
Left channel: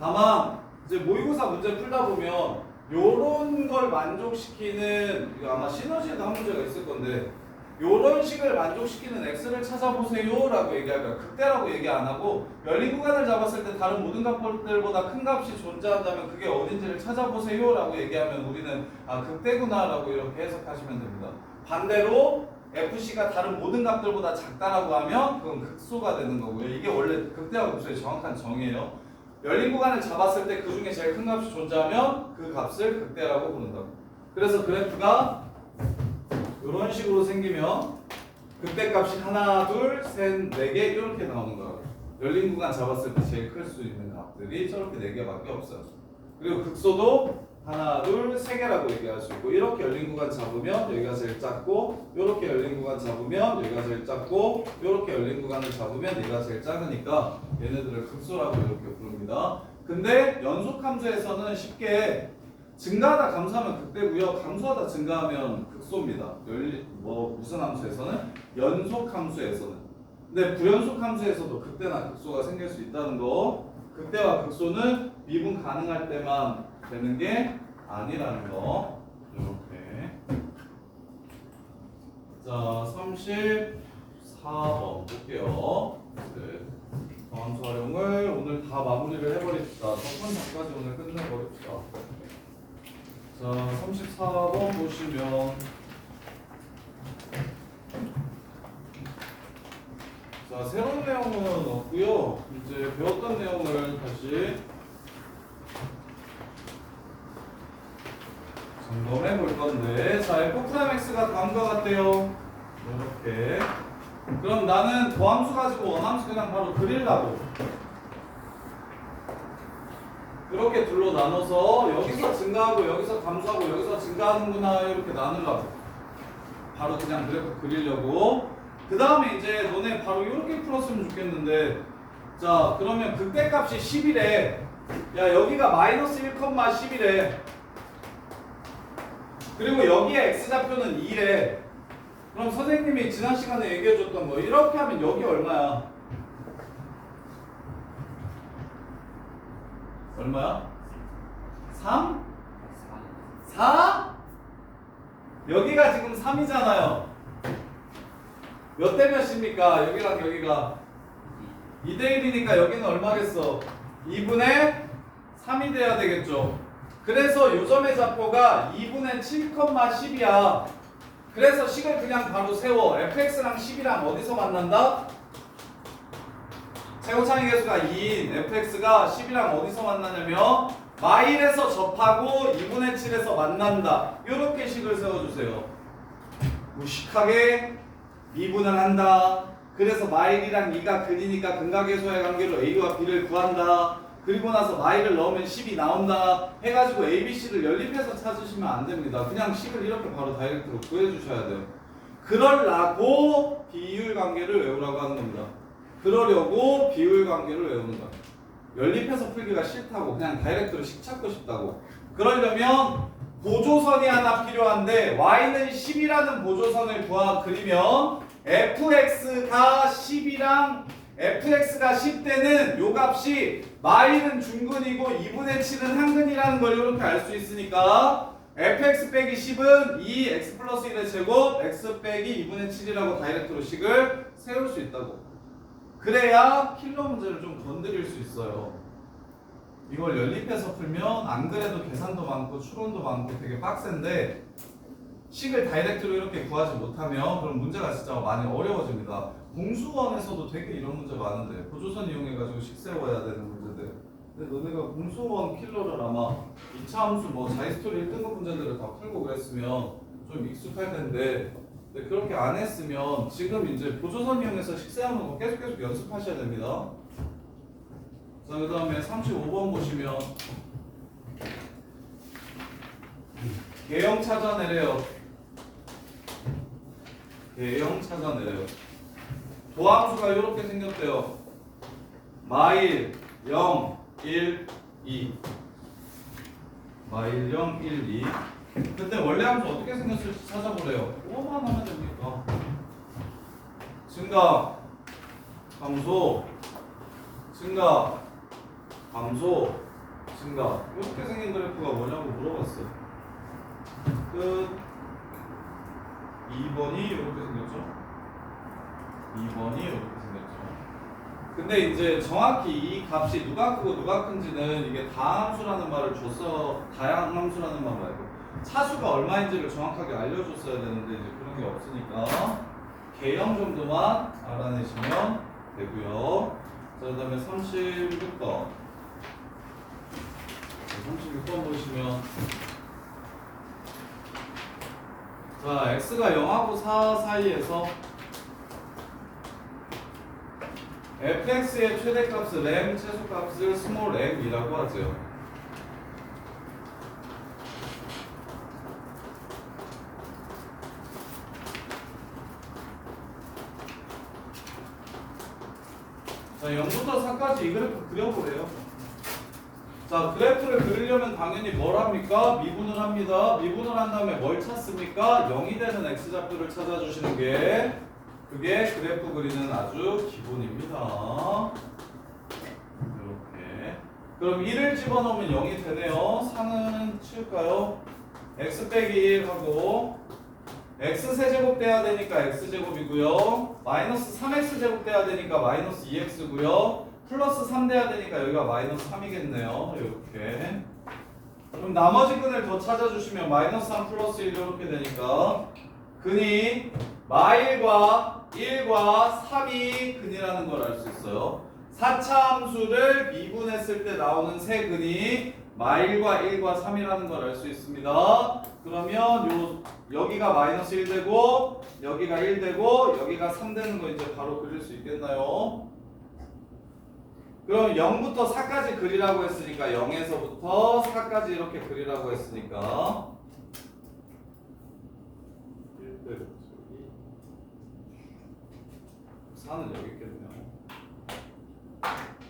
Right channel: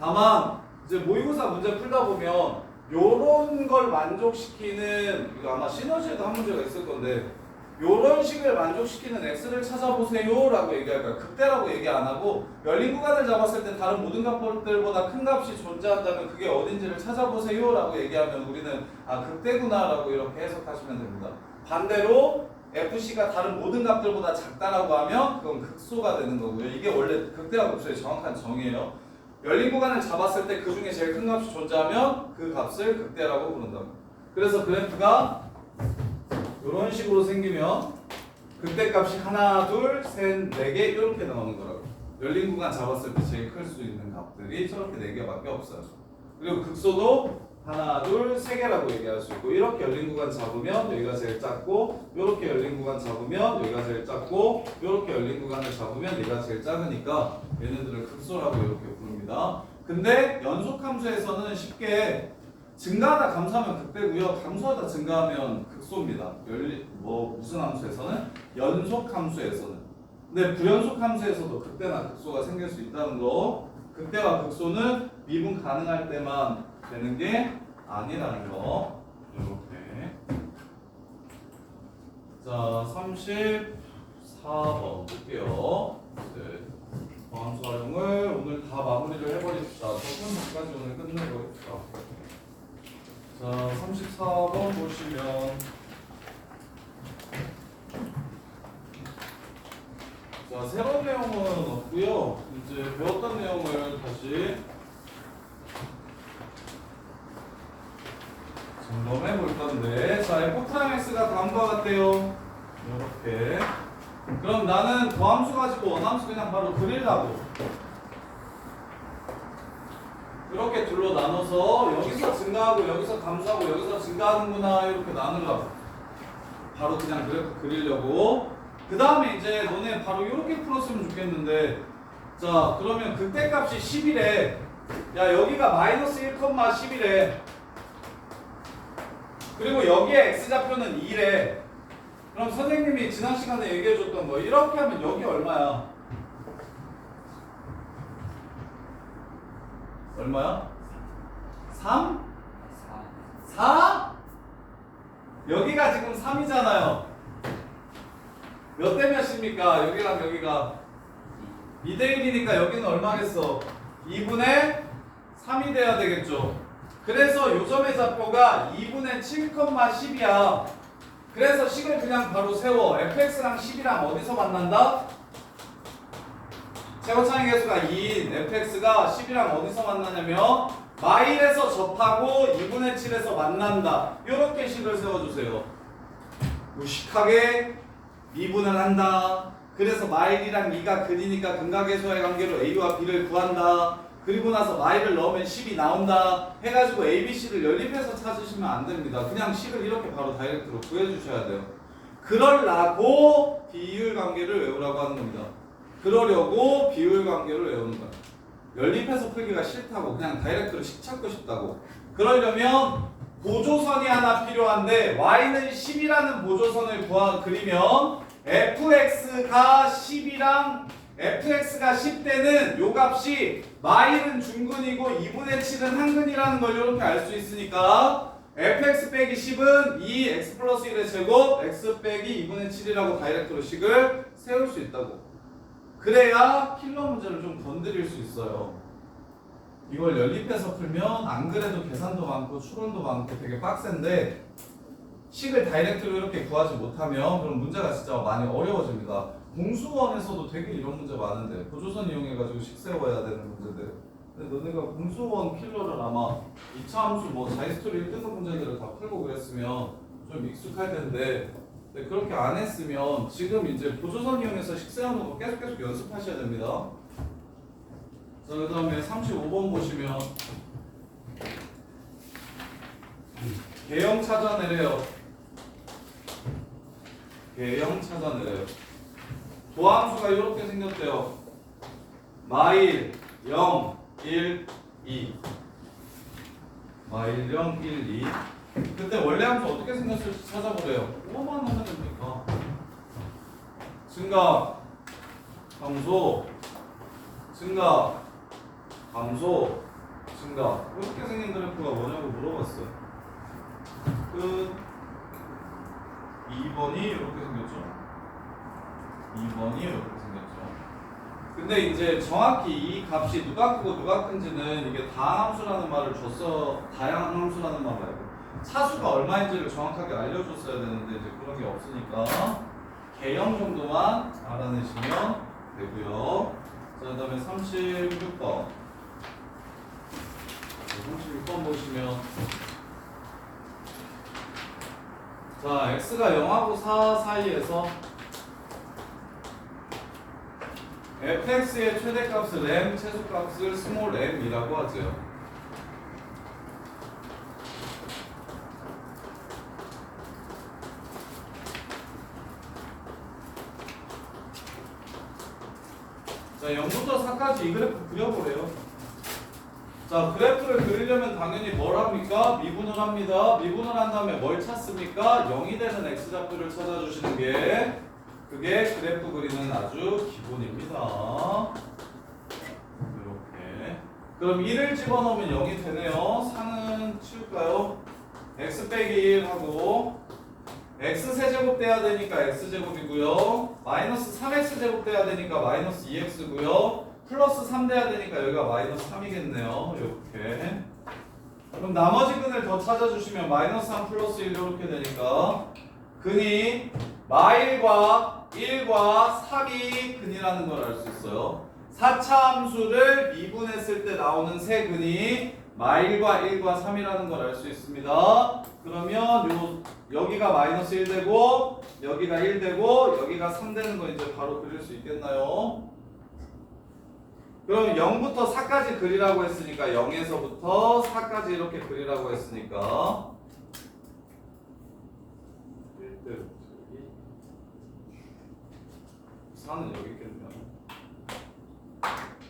다만 이제 모의고사 문제 풀다 보면 요런 걸 만족시키는 이거 아마 시너지에도 한 문제가 있을 건데 요런 식을 만족시키는 X를 찾아보세요 라고 얘기할 거야. 극대라고 얘기 안 하고 열린 구간을 잡았을 때 다른 모든 값들보다 큰 값이 존재한다면 그게 어딘지를 찾아보세요 라고 얘기하면 우리는 극대구나 라고 이렇게 해석하시면 됩니다. 반대로 FC가 다른 모든 값들보다 작다라고 하면 그건 극소가 되는 거고요. 이게 원래 극대와 극소의 정확한 정의예요. 열린 구간을 잡았을 때 그 중에 제일 큰 값이 존재하면 그 값을 극대라고 부른다고. 그래서 그래프가 이런 식으로 생기면 극대값이 하나, 둘, 셋, 네 개 이렇게 나오는 거라고. 열린 구간 잡았을 때 제일 클 수 있는 값들이 저렇게 네 개밖에 없어요. 그리고 극소도 하나, 둘, 세 개라고 얘기할 수 있고 이렇게 열린 구간 잡으면 여기가 제일 작고 이렇게 열린 구간 잡으면 여기가 제일 작고 이렇게 열린 구간을 잡으면 여기가 제일 작으니까 얘네들을 극소라고 이렇게 부릅니다. 근데 연속 함수에서는 쉽게 증가하다 감소하면 극대고요. 감소하다 증가하면 극소입니다. 무슨 함수에서는? 연속 함수에서는. 근데 부연속 함수에서도 극대나 극소가 생길 수 있다는 거. 극대와 극소는 미분 가능할 때만 되는 게 아니라는 거. 이렇게. 자, 34번 볼게요. 네. 함수 활용을 오늘 다 마무리를 해버립시다. 적분까지 오늘 끝내버립시다. 자, 34번 보시면 자, 새로운 내용은 없고요. 이제 배웠던 내용을 다시 점검해 볼 건데 자, f'(x가 다음과 같대요. 이렇게. 그럼 나는 더함수 가지고 원함수 그냥 바로 그리려고. 이렇게 둘로 나눠서 여기서 증가하고 여기서 감소하고 여기서 증가하는구나 이렇게 나누려고 바로 그냥 그래프 그리려고. 그 다음에 이제 너네 바로 이렇게 풀었으면 좋겠는데, 자 그러면 극대값이 10이래. 야 여기가 마이너스 1,10이래. 그리고 여기에 x좌표는 2래. 그럼 선생님이 지난 시간에 얘기해줬던 거 이렇게 하면 여기 얼마야? 얼마야? 3? 4? 여기가 지금 3이잖아요. 몇 대 몇입니까? 여기랑 여기가 2대 1이니까 여기는 얼마겠어? 2분의 3이 돼야 되겠죠. 그래서 요점의 좌표가 2분의 7,10이야. 그래서 식을 그냥 바로 세워. fx랑 10이랑 어디서 만난다? 최고차이 계수가 2인 fx가 10이랑 어디서 만나냐면 마일에서 접하고 2분의 7에서 만난다. 이렇게 식을 세워주세요. 무식하게 미분을 한다. 그래서 마일이랑 2가 근이니까 근각계수의 관계로 a와 b를 구한다. 그리고 나서 마일을 넣으면 10이 나온다 해가지고 a, b, c를 연립해서 찾으시면 안 됩니다. 그냥 식을 이렇게 바로 다이렉트로 구해주셔야 돼요. 그러려고 비율 관계를 외우라고 하는 겁니다. 그러려고 비율 관계를 외우는 거야. 연립해서 풀기가 싫다고 그냥 다이렉트로 식 찾고 싶다고. 그러려면 보조선이 하나 필요한데 y는 10이라는 보조선을 그리면 fx가 10이랑 fx가 10대는 요 값이 마일은 중근이고 2분의 7은 한근이라는 걸 이렇게 알 수 있으니까 fx 빼기 10은 2x 플러스 1의 제곱 x 빼기 2분의 7이라고 다이렉트로 식을 세울 수 있다고. 그래야 킬러 문제를 좀 건드릴 수 있어요. 이걸 연립해서 풀면 안 그래도 계산도 많고 추론도 많고 되게 빡센데 식을 다이렉트로 이렇게 구하지 못하면 그럼 문제가 진짜 많이 어려워집니다. 공수원에서도 되게 이런 문제 많은데 보조선 이용해가지고 식 세워야 되는 문제들. 근데 너네가 공수원 킬러를 아마 2차 함수 뭐 자이스토리 1등급 문제들을 다 풀고 그랬으면 좀 익숙할 텐데 근데 그렇게 안 했으면 지금 이제 보조선 이용해서 식 세우는 거 계속 연습하셔야 됩니다. 자, 그 다음에 35번 보시면 개형 찾아내래요. 개형 찾아내래요. 도함수가 이렇게 생겼대요. 마일 0, 1, 2 마일 0, 1, 2 그때 원래 함수 어떻게 생겼을지 찾아보래요. 뭐만 하면 됩니까? 증가, 감소, 증가, 감소, 증가 이렇게 생긴 그래프가 뭐냐고 물어봤어요. 끝. 2번이 이렇게 생겼죠. 2번이 이렇게 생겼죠. 근데 이제 정확히 이 값이 누가 크고 누가 큰지는 이게 다함수라는 말을 줬어. 다양한 함수라는 말 말고 차수가 얼마인지를 정확하게 알려줬어야 되는데 이제 그런 게 없으니까 개형 정도만 알아내시면 되고요. 자, 그 다음에 36번 36번 보시면 자, x가 0하고 4 사이에서 fx의 최대값을 m, 최소값을 스몰 m이라고 하죠. 자, 0부터 4까지 이 그래프 그려보래요. 자, 그래프를 그리려면 당연히 뭘 합니까? 미분을 합니다. 미분을 한 다음에 뭘 찾습니까? 0이 되는 x좌표를 찾아주시는 게 그게 그래프 그리는 아주 기본입니다. 이렇게. 그럼 1을 집어넣으면 0이 되네요. 4는 치울까요? x 빼기 1 하고 x 세제곱 돼야 되니까 x제곱이고요. 마이너스 3x 제곱 돼야 되니까 마이너스 2x고요. 플러스 3 돼야 되니까 여기가 마이너스 3이겠네요. 이렇게. 그럼 나머지 근을 더 찾아주시면 마이너스 3 플러스 1 이렇게 되니까 근이 마일과 1과 3이 근이라는 걸 알 수 있어요. 4차 함수를 미분했을 때 나오는 세 근이 마일과 1과 3이라는 걸 알 수 있습니다. 그러면 여기가 마이너스 1 되고 여기가 1 되고 여기가 3 되는 거 이제 바로 그릴 수 있겠나요? 그러면 0부터 4까지 그리라고 했으니까 0에서부터 4까지 이렇게 그리라고 했으니까 4는 여기 있겠네요.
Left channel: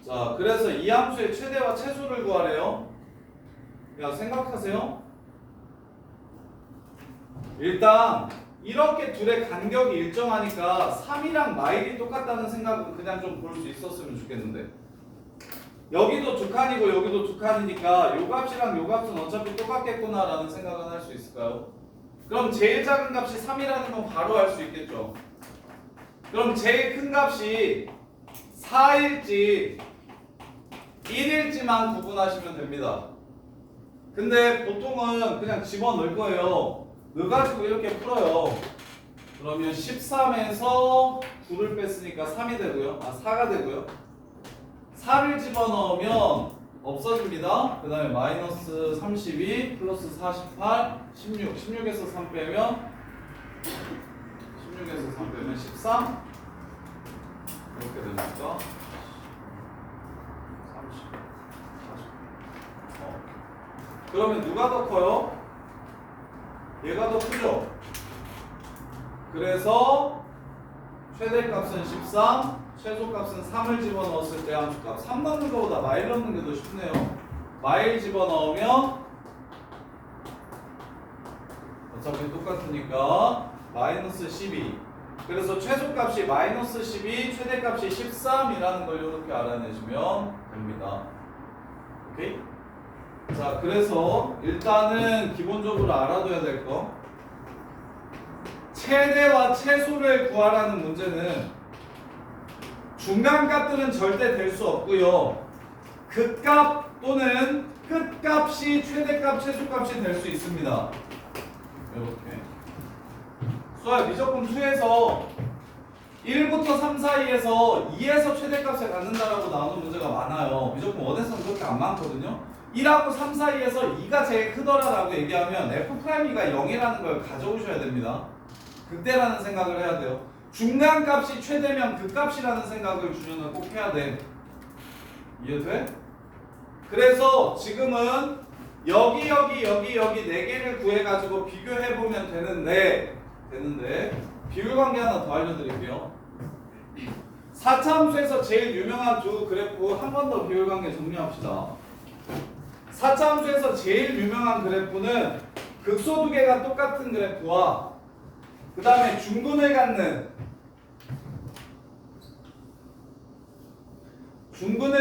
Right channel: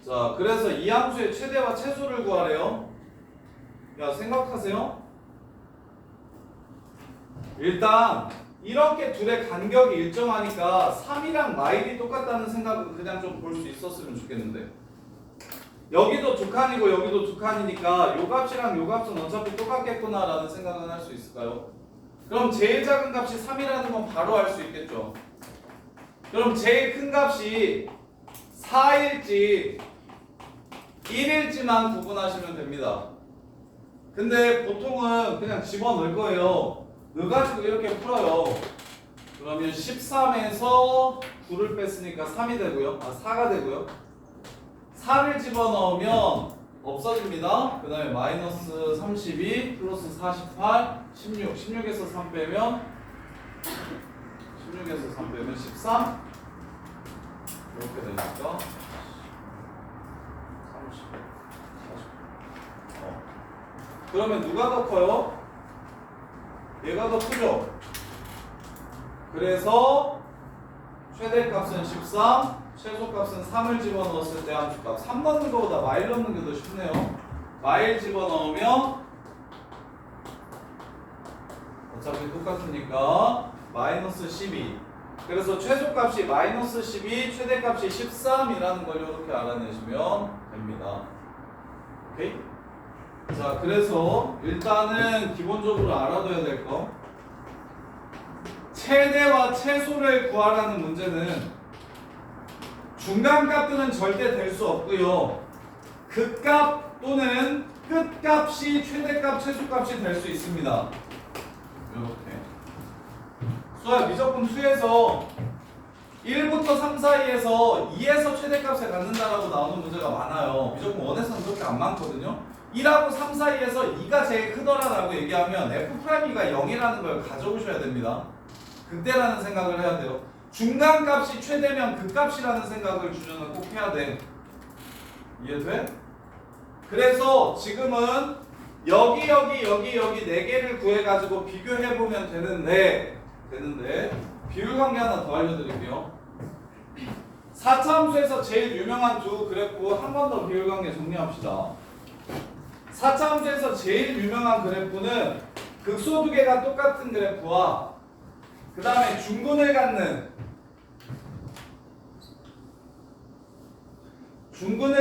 자, 그래서 이 함수의 최대와 최소를 구하래요. 야, 생각하세요. 일단 이렇게 둘의 간격이 일정하니까 3이랑 마일이 똑같다는 생각은 그냥 좀 볼 수 있었으면 좋겠는데, 여기도 두 칸이고 여기도 두 칸이니까 요 값이랑 요 값은 어차피 똑같겠구나 라는 생각은 할 수 있을까요? 그럼 제일 작은 값이 3이라는 건 바로 알 수 있겠죠. 그럼 제일 큰 값이 4일지 1일지만 구분하시면 됩니다. 근데 보통은 그냥 집어넣을 거예요. 넣어가지고 이렇게 풀어요. 그러면 13에서 9를 뺐으니까 3이 되고요. 4가 되고요. 4를 집어넣으면 없어집니다. 그 다음에 마이너스 32 플러스 48 16 16에서 3 빼면 16에서 3 빼면 13 이렇게 되니까 30 40 그러면 누가 더 커요? 얘가 더 크죠? 그래서 최대값은 13, 최소값은 3을 집어넣었을 때 함수값 3 넣는 것보다 마일 넣는 게 더 쉽네요. 마일 집어넣으면 어차피 똑같으니까 마이너스 12. 그래서 최소값이 마이너스 12, 최대값이 13이라는 걸 이렇게 알아내시면 됩니다. 오케이? 자, 그래서 일단은 기본적으로 알아둬야 될 거, 최대와 최소를 구하라는 문제는 중간값들은 절대 될 수 없고요. 극값 또는 끝값이 최대값, 최소값이 될 수 있습니다. 이렇게. 수아 미적분 2에서 1부터 3 사이에서 2에서 최대값에 갖는다라고 나오는 문제가 많아요. 미적분 1에서는 그렇게 안 많거든요. 1하고 3 사이에서 2가 제일 크더라라고 얘기하면 F'E가 0이라는 걸 가져오셔야 됩니다. 그때라는 생각을 해야 돼요. 중간값이 최대면 극값이라는 생각을 주저는 꼭 해야 돼. 이해돼? 그래서 지금은 여기 4개를 구해가지고 비교해보면 되는데 비율관계 하나 더 알려드릴게요. 4차함수에서 제일 유명한 두 그래프 한 번 더 비율관계 정리합시다. 4차함수에서 제일 유명한 그래프는 극소 두 개가 똑같은 그래프와 그 다음에 중근을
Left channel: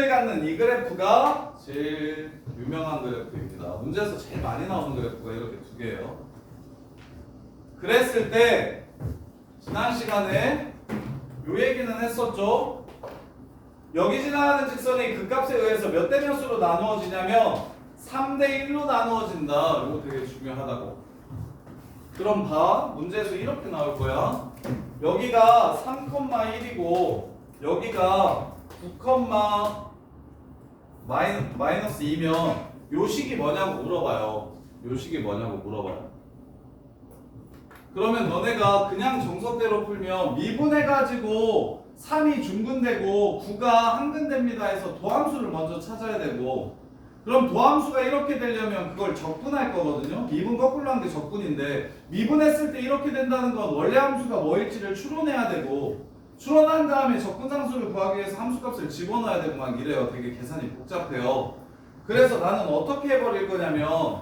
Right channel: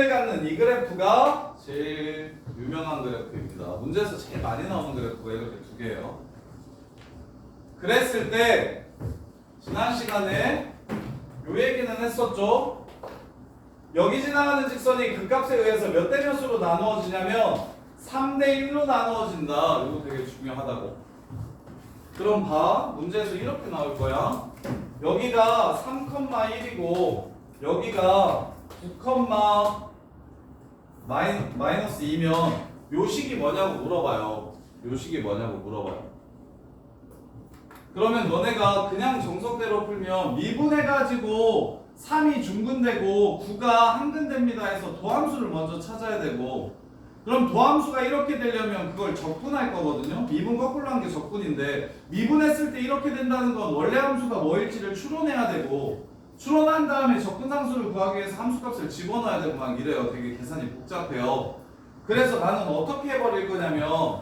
갖는 이 그래프가 제일 유명한 그래프입니다. 문제에서 제일 많이 나오는 그래프가 이렇게 두 개예요. 그랬을 때 지난 시간에 요 얘기는 했었죠. 여기 지나가는 직선이 극값에 의해서 몇 대 몇으로 나누어지냐면 3대 1로 나누어진다. 이거 되게 중요하다고. 그럼 봐. 문제에서 이렇게 나올 거야. 여기가 3,1이고 여기가 9,-2면 요 식이 뭐냐고 물어봐요. 그러면 너네가 그냥 정석대로 풀면 미분해가지고 3이 중근되고 9가 한근됩니다 해서 도함수를 먼저 찾아야 되고, 그럼 도함수가 이렇게 되려면 그걸 적분할 거거든요. 미분 거꾸로 한 게 적분인데 미분했을 때 이렇게 된다는 건 원래 함수가 뭐일지를 추론해야 되고, 추론한 다음에 적분상수를 구하기 위해서 함수값을 집어넣어야 되고 막 이래요. 되게 계산이 복잡해요. 그래서 나는 어떻게 해버릴 거냐면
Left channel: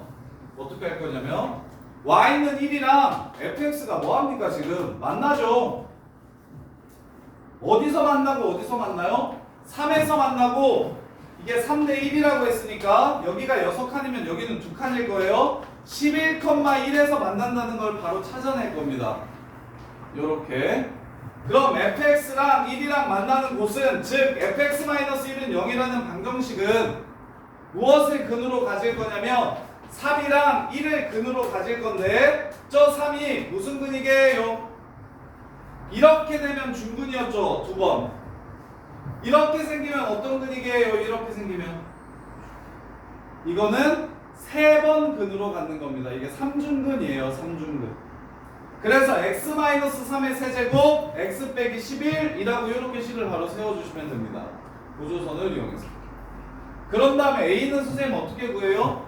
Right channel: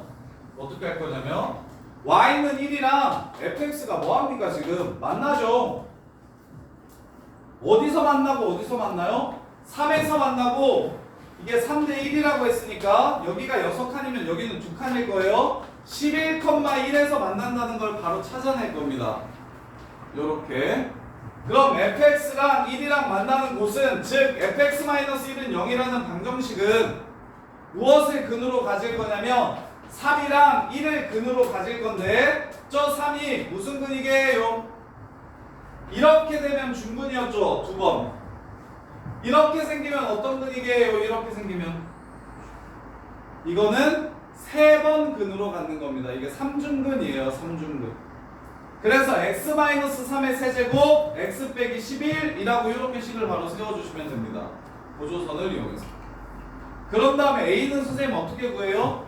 y는 1이랑 fx가 뭐합니까? 지금 만나죠. 어디서 만나고 어디서 만나요? 3에서 만나고, 이게 3대 1이라고 했으니까 여기가 6칸이면 여기는 2칸일 거예요. 11,1에서 만난다는 걸 바로 찾아낼 겁니다. 요렇게. 그럼 fx랑 1이랑 만나는 곳은, 즉 fx-1은 0이라는 방정식은 무엇을 근으로 가질 거냐면 3이랑 1을 근으로 가질 건데, 저 3이 무슨 근이게요? 이렇게 되면 중근이었죠. 2번. 이렇게 생기면 어떤 근이게요? 이렇게 생기면 이거는 3번 근으로 갖는 겁니다. 이게 3중근이에요. 3중근. 그래서 x-3의 세제곱 x 빼기 11이라고 이렇게 식을 바로 세워주시면 됩니다. 보조선을 이용해서. 그런 다음에 A는 선생님 어떻게 구해요?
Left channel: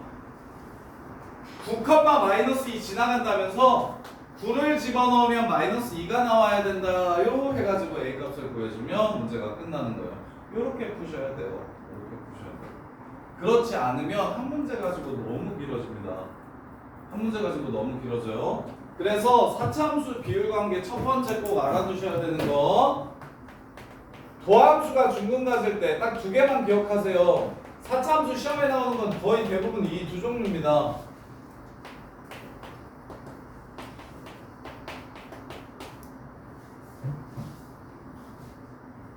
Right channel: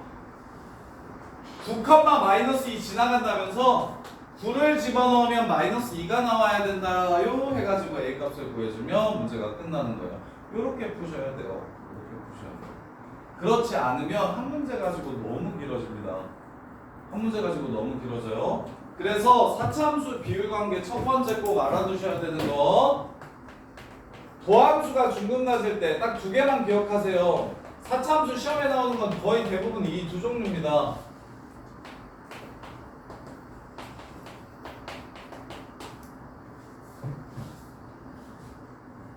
9, 마이너스 2 지나간다면서 9를 집어넣으면 마이너스 2가 나와야 된다요 해가지고 A 값을 구해주면 문제가 끝나는 거예요. 이렇게 푸셔야 돼요. 이렇게 푸셔야 돼요. 그렇지 않으면 한 문제 가지고 너무 길어집니다. 한 문제 가지고 너무 길어져요. 그래서 사차함수 비율관계 첫 번째 꼭 알아두셔야 되는 거, 도함수가 중근 가질 때 딱 두 개만 기억하세요. 사차함수 시험에 나오는 건 거의 대부분 이 두 종류입니다.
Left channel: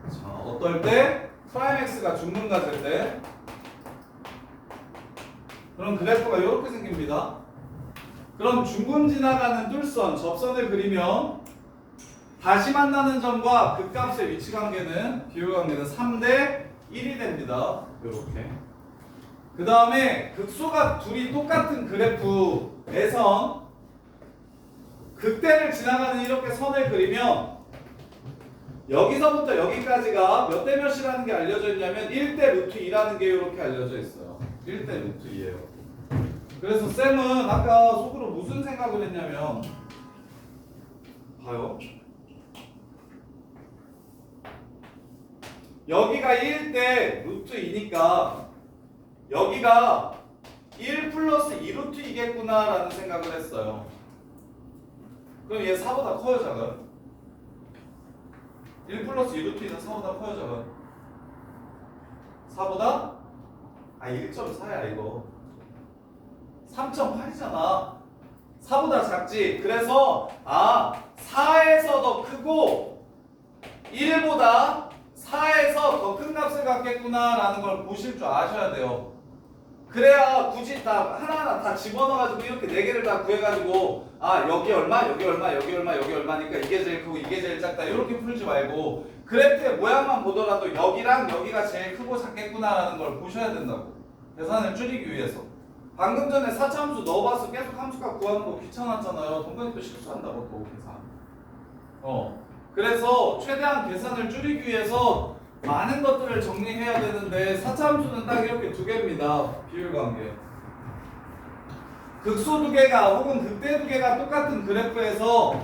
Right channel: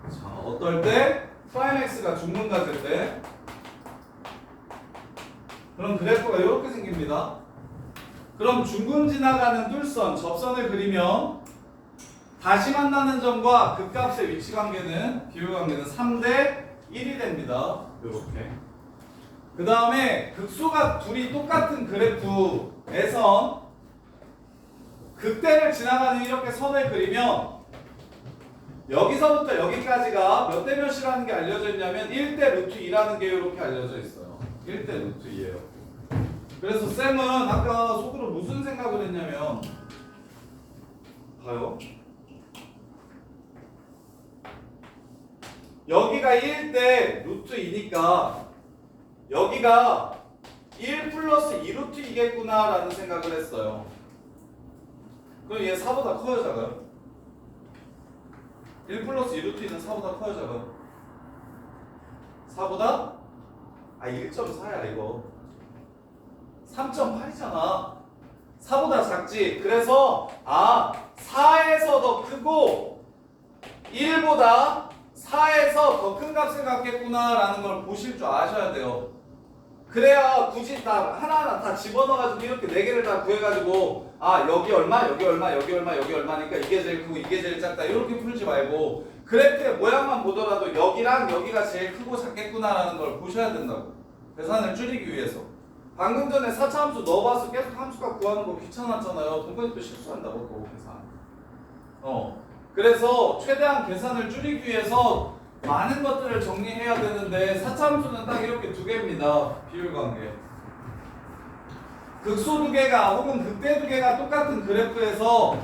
자, 어떨 때? 프라임 x가 중근 가질 때. 그럼 그래프가 이렇게 생깁니다. 그럼 중근 지나가는 뚫선, 접선을 그리면 다시 만나는 점과 극값의 위치 관계는, 비율 관계는 3대 1이 됩니다. 이렇게. 그 다음에 극소가 둘이 똑같은 그래프에선 극대를 지나가는 이렇게 선을 그리면 여기서부터 여기까지가 몇 대 몇이라는 게 알려져 있냐면 1대 루트 2라는 게 이렇게 알려져 있어요. 1대 루트 2예요. 그래서 쌤은 아까 속으로 무슨 생각을 했냐면, 봐요. 여기가 1대 루트 2니까 여기가 1 플러스 2 루트 2겠구나 라는 생각을 했어요. 그럼 얘 4보다 커요, 작아요? 1 플러스 2 루트 2는 4보다 커요, 작아요? 4보다? 1.4야 이거. 3.8이잖아. 4보다 작지. 그래서 4에서 더 크고 1보다 4에서 더 큰 값을 갖겠구나 라는 걸 보실 줄 아셔야 돼요. 그래야 굳이 다 하나하나 다 집어넣어가지고 이렇게 4개를 다 구해가지고 여기 얼마, 여기 얼마, 여기 얼마, 여기 얼마니까 이게 제일 크고 이게 제일 작다 이렇게 풀지 말고 그래프의 모양만 보더라도 여기랑 여기가 제일 크고 작겠구나 라는 걸 보셔야 된다고. 계산을 줄이기 위해서. 방금 전에 4차 함수 넣어봐서 계속 함수값 구하는 거 귀찮았잖아요. 동그랗게 또 실수한다고 또 계산. 그래서 최대한 계산을 줄이기 위해서 많은 것들을 정리해야 되는데 4차 함수는 딱 이렇게 두 개입니다. 비율관계. 극소 두 개가 혹은 극대 두 개가 똑같은 그래프에서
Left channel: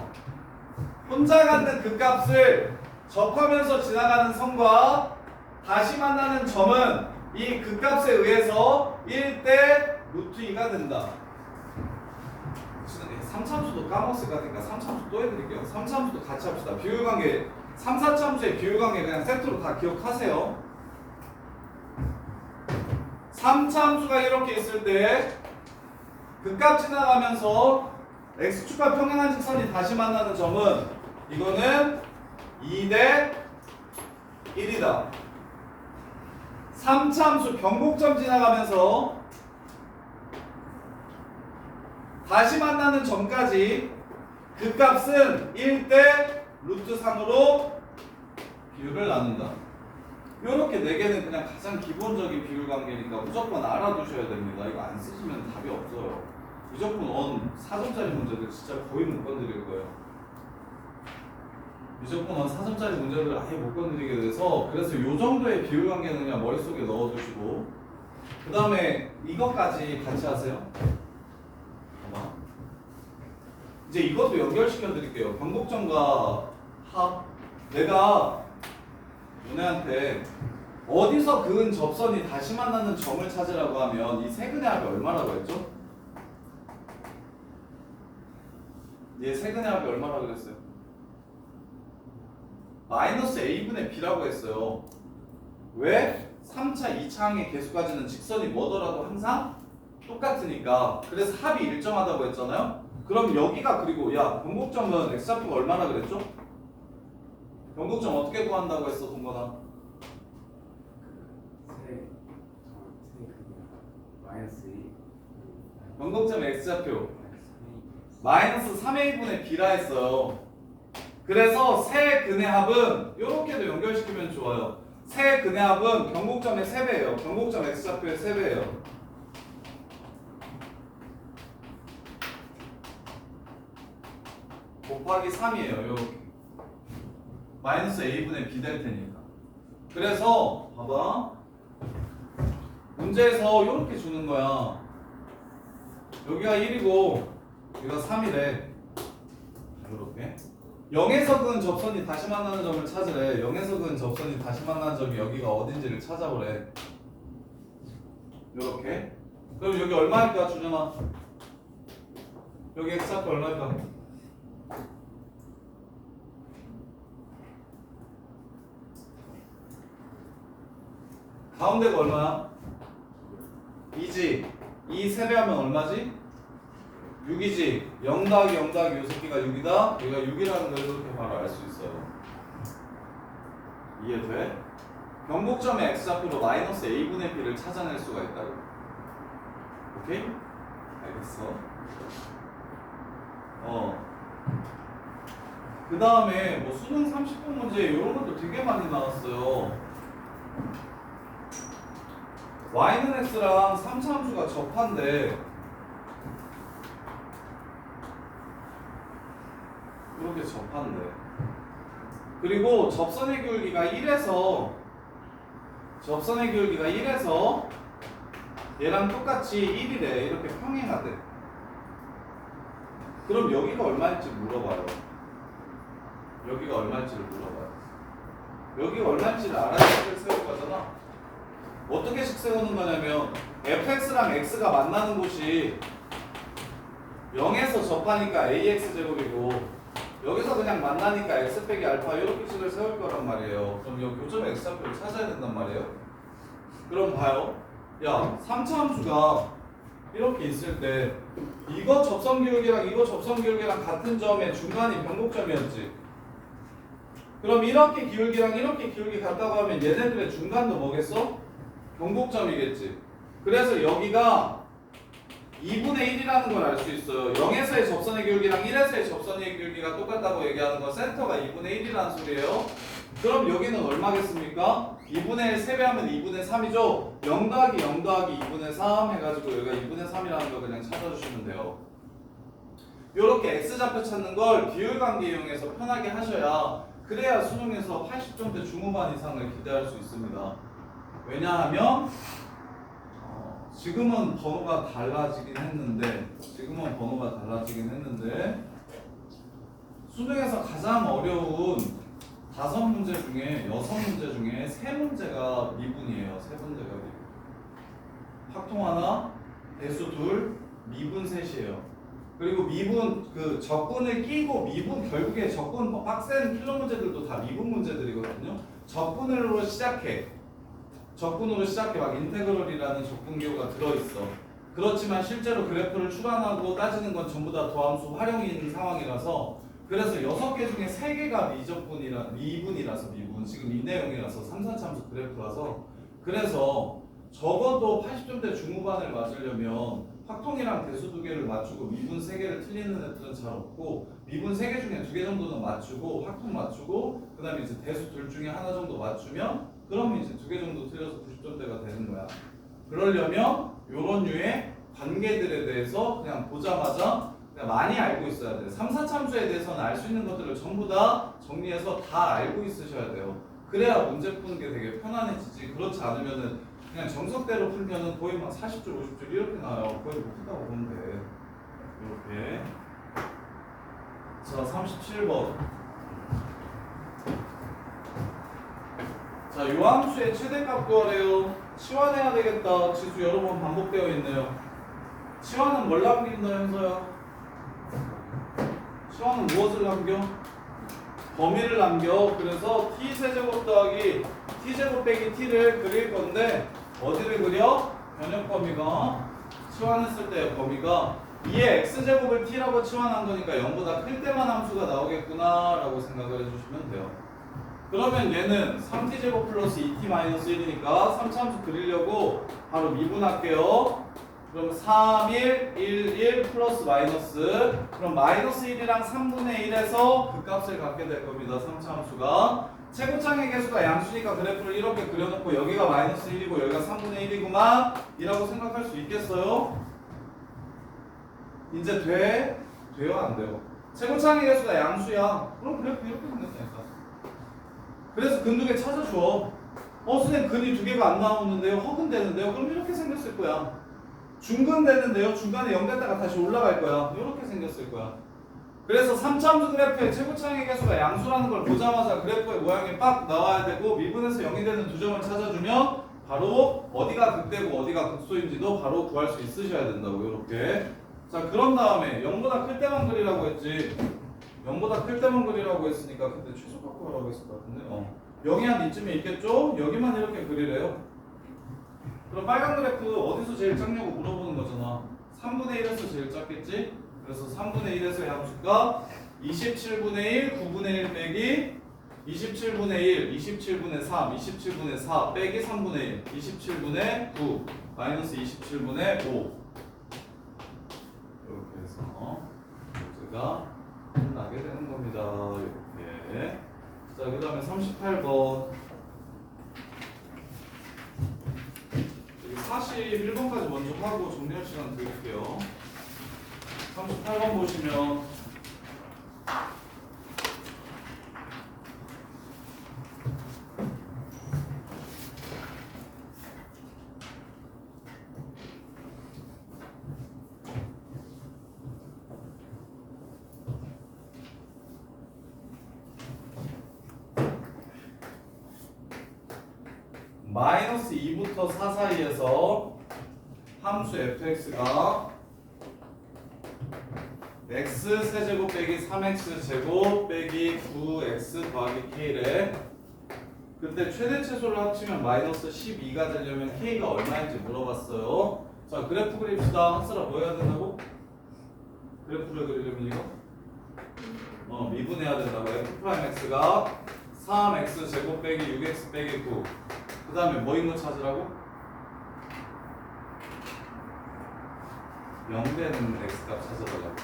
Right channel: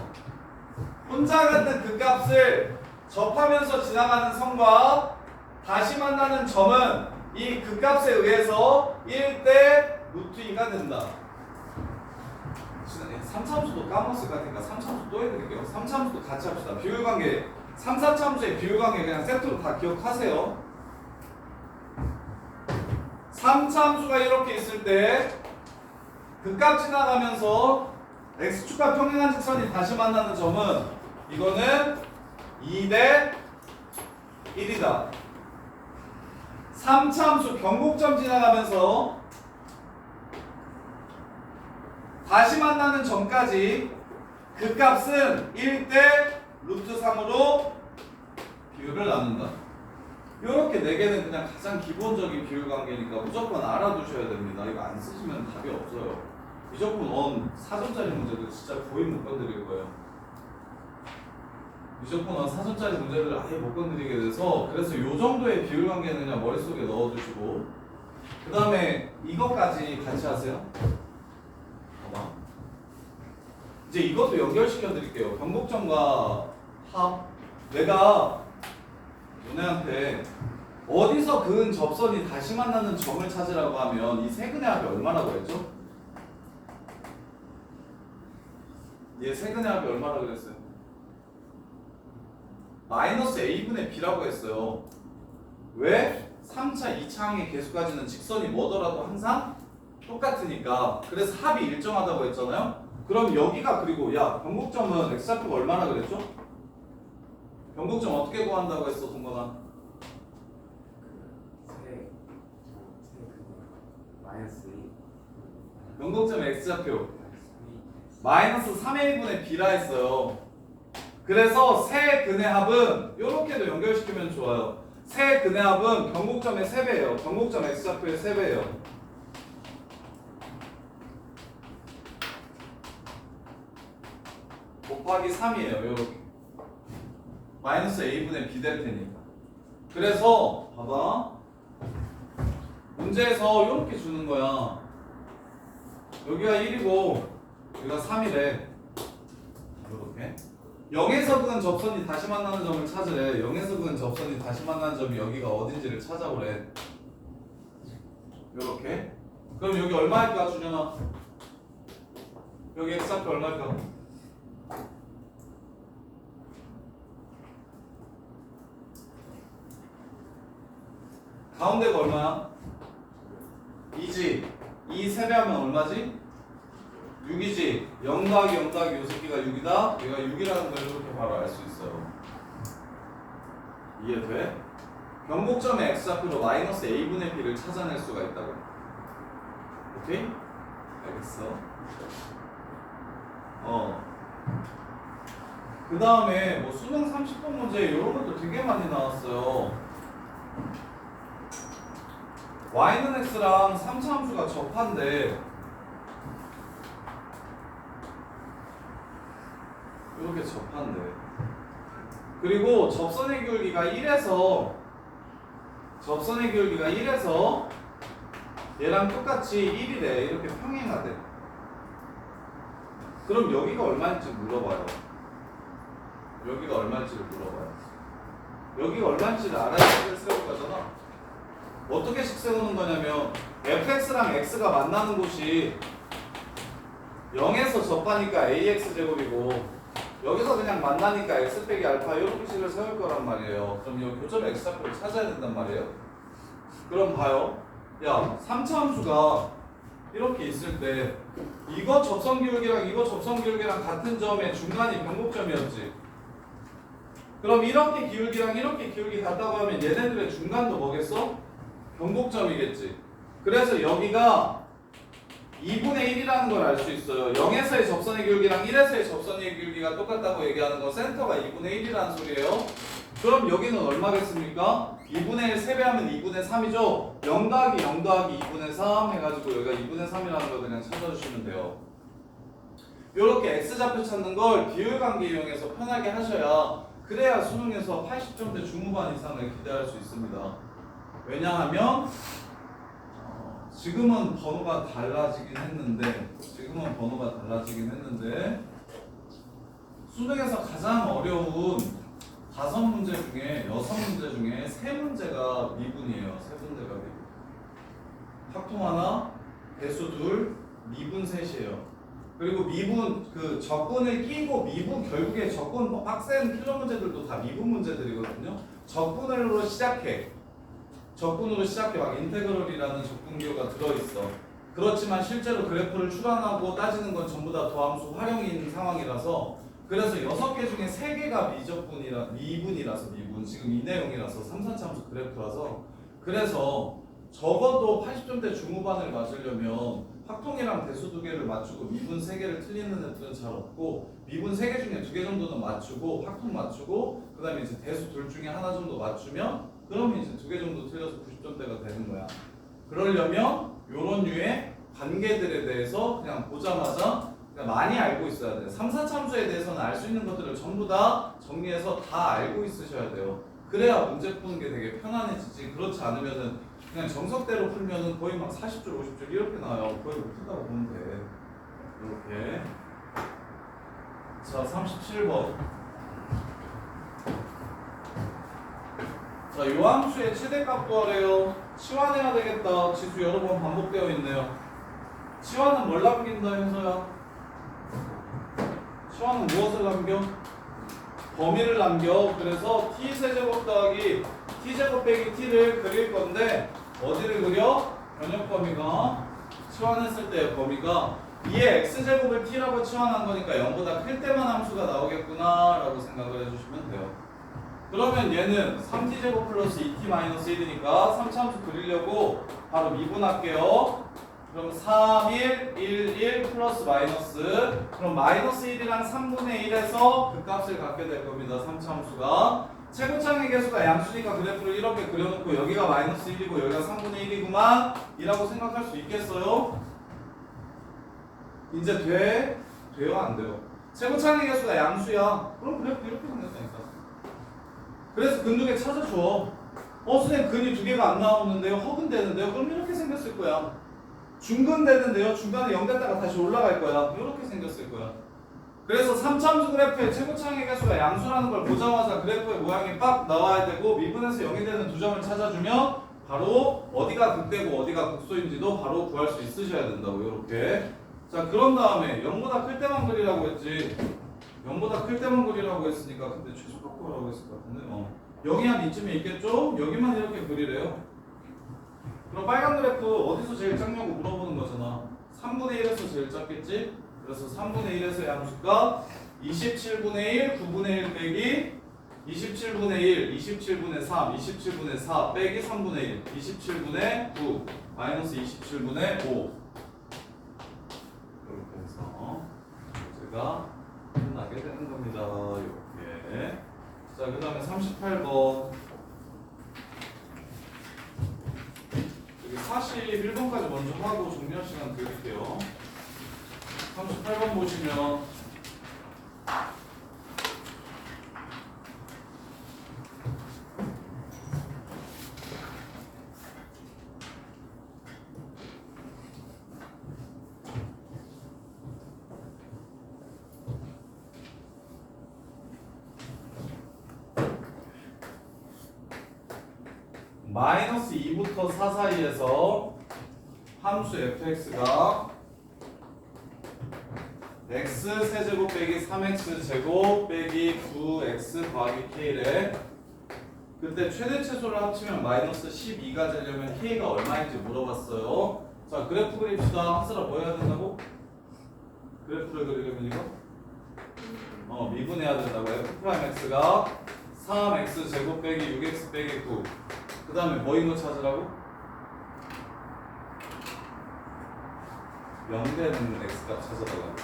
혼자 갖는 극값을 접하면서 지나가는 선과 다시 만나는 점은 이 극값에 의해서 1대 루트 2가 된다. 3차함수도 까먹었을 것 같으니까 3차함수 또 해드릴게요. 3차함수도 같이 합시다. 비율관계 3, 4차함수의 비율관계 그냥 세트로 다 기억하세요. 3차함수가 이렇게 있을 때 극값 지나가면서 x축과 평행한 직선이 다시 만나는 점은 이거는 2대 1이다. 3차함수 변곡점 지나가면서 다시 만나는 점까지 극값은 1대 루트 3으로 비율을 나눈다. 이렇게 4개는 그냥 가장 기본적인 비율 관계니까 무조건 알아두셔야 됩니다. 이거 안 쓰시면 답이 없어요. 무조건 원 4점짜리 문제들 진짜 거의 못 건드릴 거예요. 무조건 원 4점짜리 문제를 아예 못 건드리게 돼서 그래서 이 정도의 비율 관계는 그냥 머릿속에 넣어두시고 그 다음에 이것까지 같이 하세요. 이제 이것도 연결시켜 드릴게요. 변곡점과 합. 내가 너네한테 어디서 그은 접선이 다시 만나는 점을 찾으라고 하면 이 세근의 합이 얼마라고 했죠? 얘 세근의 합이 얼마라고 그랬어요? 마이너스 a분의 b라고 했어요. 왜? 3차, 2차 항의 개수까지는 직선이 뭐더라도 항상 똑같으니까. 그래서 합이 일정하다고 했잖아요. 그럼 여기가 그리고 변곡점은 x좌표가 얼마나 그랬죠? 변곡점 어떻게 구한다고 했어, 동건아? 마이너스 2. 변곡점 x좌표 마이너스 3a분의 b라 했어요. 그래서 세 근의 합은 이렇게도 연결시키면 좋아요. 세 근의 합은 변곡점의 3배예요. 변곡점 x좌표의 3배예요. 곱하기 3이에요. 이렇게 마이너스 a분의 b 될 테니까. 그래서 봐봐. 문제에서 이렇게 주는 거야. 여기가 1이고 여기가 3이래. 이렇게 0에서 그은 접선이 다시 만나는 점을 찾으래. 0에서 그은 접선이 다시 만나는 점이 여기가 어딘지를 찾아보래. 이렇게. 그럼 여기 얼마일까 준영아? 여기 x좌표 얼마일까? 가운데가 얼마야? 2지. 2 세배하면 얼마지? 6이지. 0 더하기 0 더하기 이 새끼가 6이다. 얘가 6이라는 걸 이렇게 바로 알 수 있어요. 이해돼? 변곡점의 x좌표로 마이너스 a분의 b를 찾아낼 수가 있다고. 오케이? 알겠어. 그 다음에 뭐 수능 30분 문제 이런 것도 되게 많이 나왔어요. y는 x랑 3차 함수가 접한데 이렇게 접한대. 그리고 접선의 기울기가 1에서 얘랑 똑같이 1이래. 이렇게 평행하대. 그럼 여기가 얼마일지 물어봐요. 여기가 얼마일지를 물어봐요. 여기가 얼마일지를 알아야 식을 세울 거잖아. 어떻게 식 세우는 거냐면 fx랑 x가 만나는 곳이 0에서 접하니까 ax제곱이고 여기서 그냥 만나니까 x 빼기 알파 이렇게 식을 세울 거란 말이에요. 그럼 이 교점의 x좌표를 찾아야 된단 말이에요. 그럼 봐요. 야, 3차 함수가 이렇게 있을 때 이거 접선 기울기랑 이거 접선 기울기랑 같은 점의 중간이 변곡점이었지. 그럼 이렇게 기울기랑 이렇게 기울기 같다고 하면 얘네들의 중간도 뭐겠어? 변곡점이겠지. 그래서 여기가 2분의 1이라는 걸 알 수 있어요. 0에서의 접선의 기울기랑 1에서의 접선의 기울기가 똑같다고 얘기하는 건 센터가 2분의 1이라는 소리예요. 그럼 여기는 얼마겠습니까? 2분의 1 세배하면 2분의 3이죠. 0 더하기 0 더하기 2분의 3 해가지고 여기가 2분의 3이라는 걸 그냥 찾아주시면 돼요. 이렇게 x좌표 찾는 걸 비율관계 이용해서 편하게 하셔야 그래야 수능에서 80점대 중후반 이상을 기대할 수 있습니다. 왜냐하면 지금은 번호가 달라지긴 했는데 수능에서 가장 어려운 5문제 중에 6문제 중에 3문제가 미분이에요. 3문제가 미분. 합통 하나, 배수 둘, 미분 셋이에요. 그리고 미분 그 적분을 끼고 미분 결국에 적분 빡센 필러 문제들도 다 미분 문제들이거든요. 적분으로 시작해 막 인테그럴이라는 적분기호가 들어있어. 그렇지만 실제로 그래프를 출하하고 따지는 건 전부 다 도함수 활용인 상황이라서 그래서 6개 중에 3개가 미분이라서 미분 지금 이 내용이라서 3, 4차 함수 그래프라서 그래서 적어도 80점대 중후반을 맞으려면 확통이랑 대수 2개를 맞추고 미분 3개를 틀리는 애들은 잘 없고 미분 3개 중에 2개 정도는 맞추고 확통 맞추고 그 다음에 이제 대수 둘 중에 하나 정도 맞추면 그러면 이제 2개 정도 틀려서 90점대가 되는 거야. 그러려면 요런 류의 관계들에 대해서 그냥 보자마자 그냥 많이 알고 있어야 돼요. 3, 4차 함수에 대해서는 알 수 있는 것들을 전부 다 정리해서 다 알고 있으셔야 돼요. 그래야 문제 푸는 게 되게 편안해지지. 그렇지 않으면은 그냥 정석대로 풀면은 거의 막 40줄, 50줄 이렇게 나와요. 거의 못 푼다고 보면 돼. 이렇게. 자, 37번. 자, 요 함수의 최대값 구하래요. 치환해야 되겠다. 지수 여러 번 반복되어 있네요. 치환은 뭘 남긴다, 현서야? 치환은 무엇을 남겨? 범위를 남겨. 그래서 t세제곱 더하기 t제곱 빼기 t를 그릴 건데 어디를 그려? 변형 범위가 치환했을 때 범위가 2의 x제곱을 t라고 치환한 거니까 0보다 클 때만 함수가 나오겠구나 라고 생각을 해주시면 돼요. 그러면 얘는 3t제곱 플러스 2t 마이너스 1이니까 3차 함수 그리려고 바로 미분할게요. 그럼 3, 1, 1, 1 플러스 마이너스 그럼 마이너스 1이랑 3분의 1에서 그 값을 갖게 될 겁니다. 3차 함수가 최고창의 개수가 양수니까 그래프를 이렇게 그려놓고 여기가 마이너스 1이고 여기가 3분의 1이구만 이라고 생각할 수 있겠어요? 이제 돼? 돼요? 안 돼요? 최고창의 개수가 양수야. 그럼 그래프 이렇게 생겼다니까. 그래서 근두개 찾아줘. 선생님 근이 두 개가 안 나오는데요? 허근되는데요? 그럼 이렇게 생겼을 거야. 중근되는데요? 중간에 0 됐다가 다시 올라갈 거야. 이렇게 생겼을 거야. 그래서 3참수 그래프의 최고차항의 개수가 양수라는 걸 보자마자 그래프의 모양이 빡 나와야 되고 미분에서 0이 되는 두 점을 찾아주면 바로 어디가 극대고 어디가 극소인지도 바로 구할 수 있으셔야 된다고. 이렇게. 자, 그런 다음에 0보다 클 때만 그리라고 했지. 0보다 클 때만 그리라고 했으니까 근데 최소값 구하라고 했을 것 같은데 0이 한 이쯤에 있겠죠? 여기만 이렇게 그리래요. 그럼 빨간 그래프 어디서 제일 작냐고 물어보는 거잖아. 3분의 1에서 제일 작겠지? 그래서 3분의 1에서의 함수가 27분의 1, 9분의 1 빼기 27분의 1, 27분의 3, 27분의 4 빼기 3분의 1, 27분의 9 마이너스 27분의 5 이렇게 해서 문제가 끝나게 되는 겁니다. 이렇게. 자, 그 다음에 38번 41번까지 먼저 하고 정리할 시간 드릴게요. 38번 보시면 마이너스 2부터 4 사이에서 함수 fx가 x 세제곱 빼기 3x 제곱 빼기 9x 더하기 k래. 그때 최대 최소를 합치면 마이너스 12가 되려면 k가 얼마인지 물어봤어요. 자, 그래프 그립시다. 한슬아 뭐 해야 된다고? 그래프를 그리려면 이거? 미분해야 된다고. f'x가 3x 제곱 빼기 6x 빼기 9. 그 다음에 뭐인 거 찾으라고? 0 되는 x값 찾아달라고.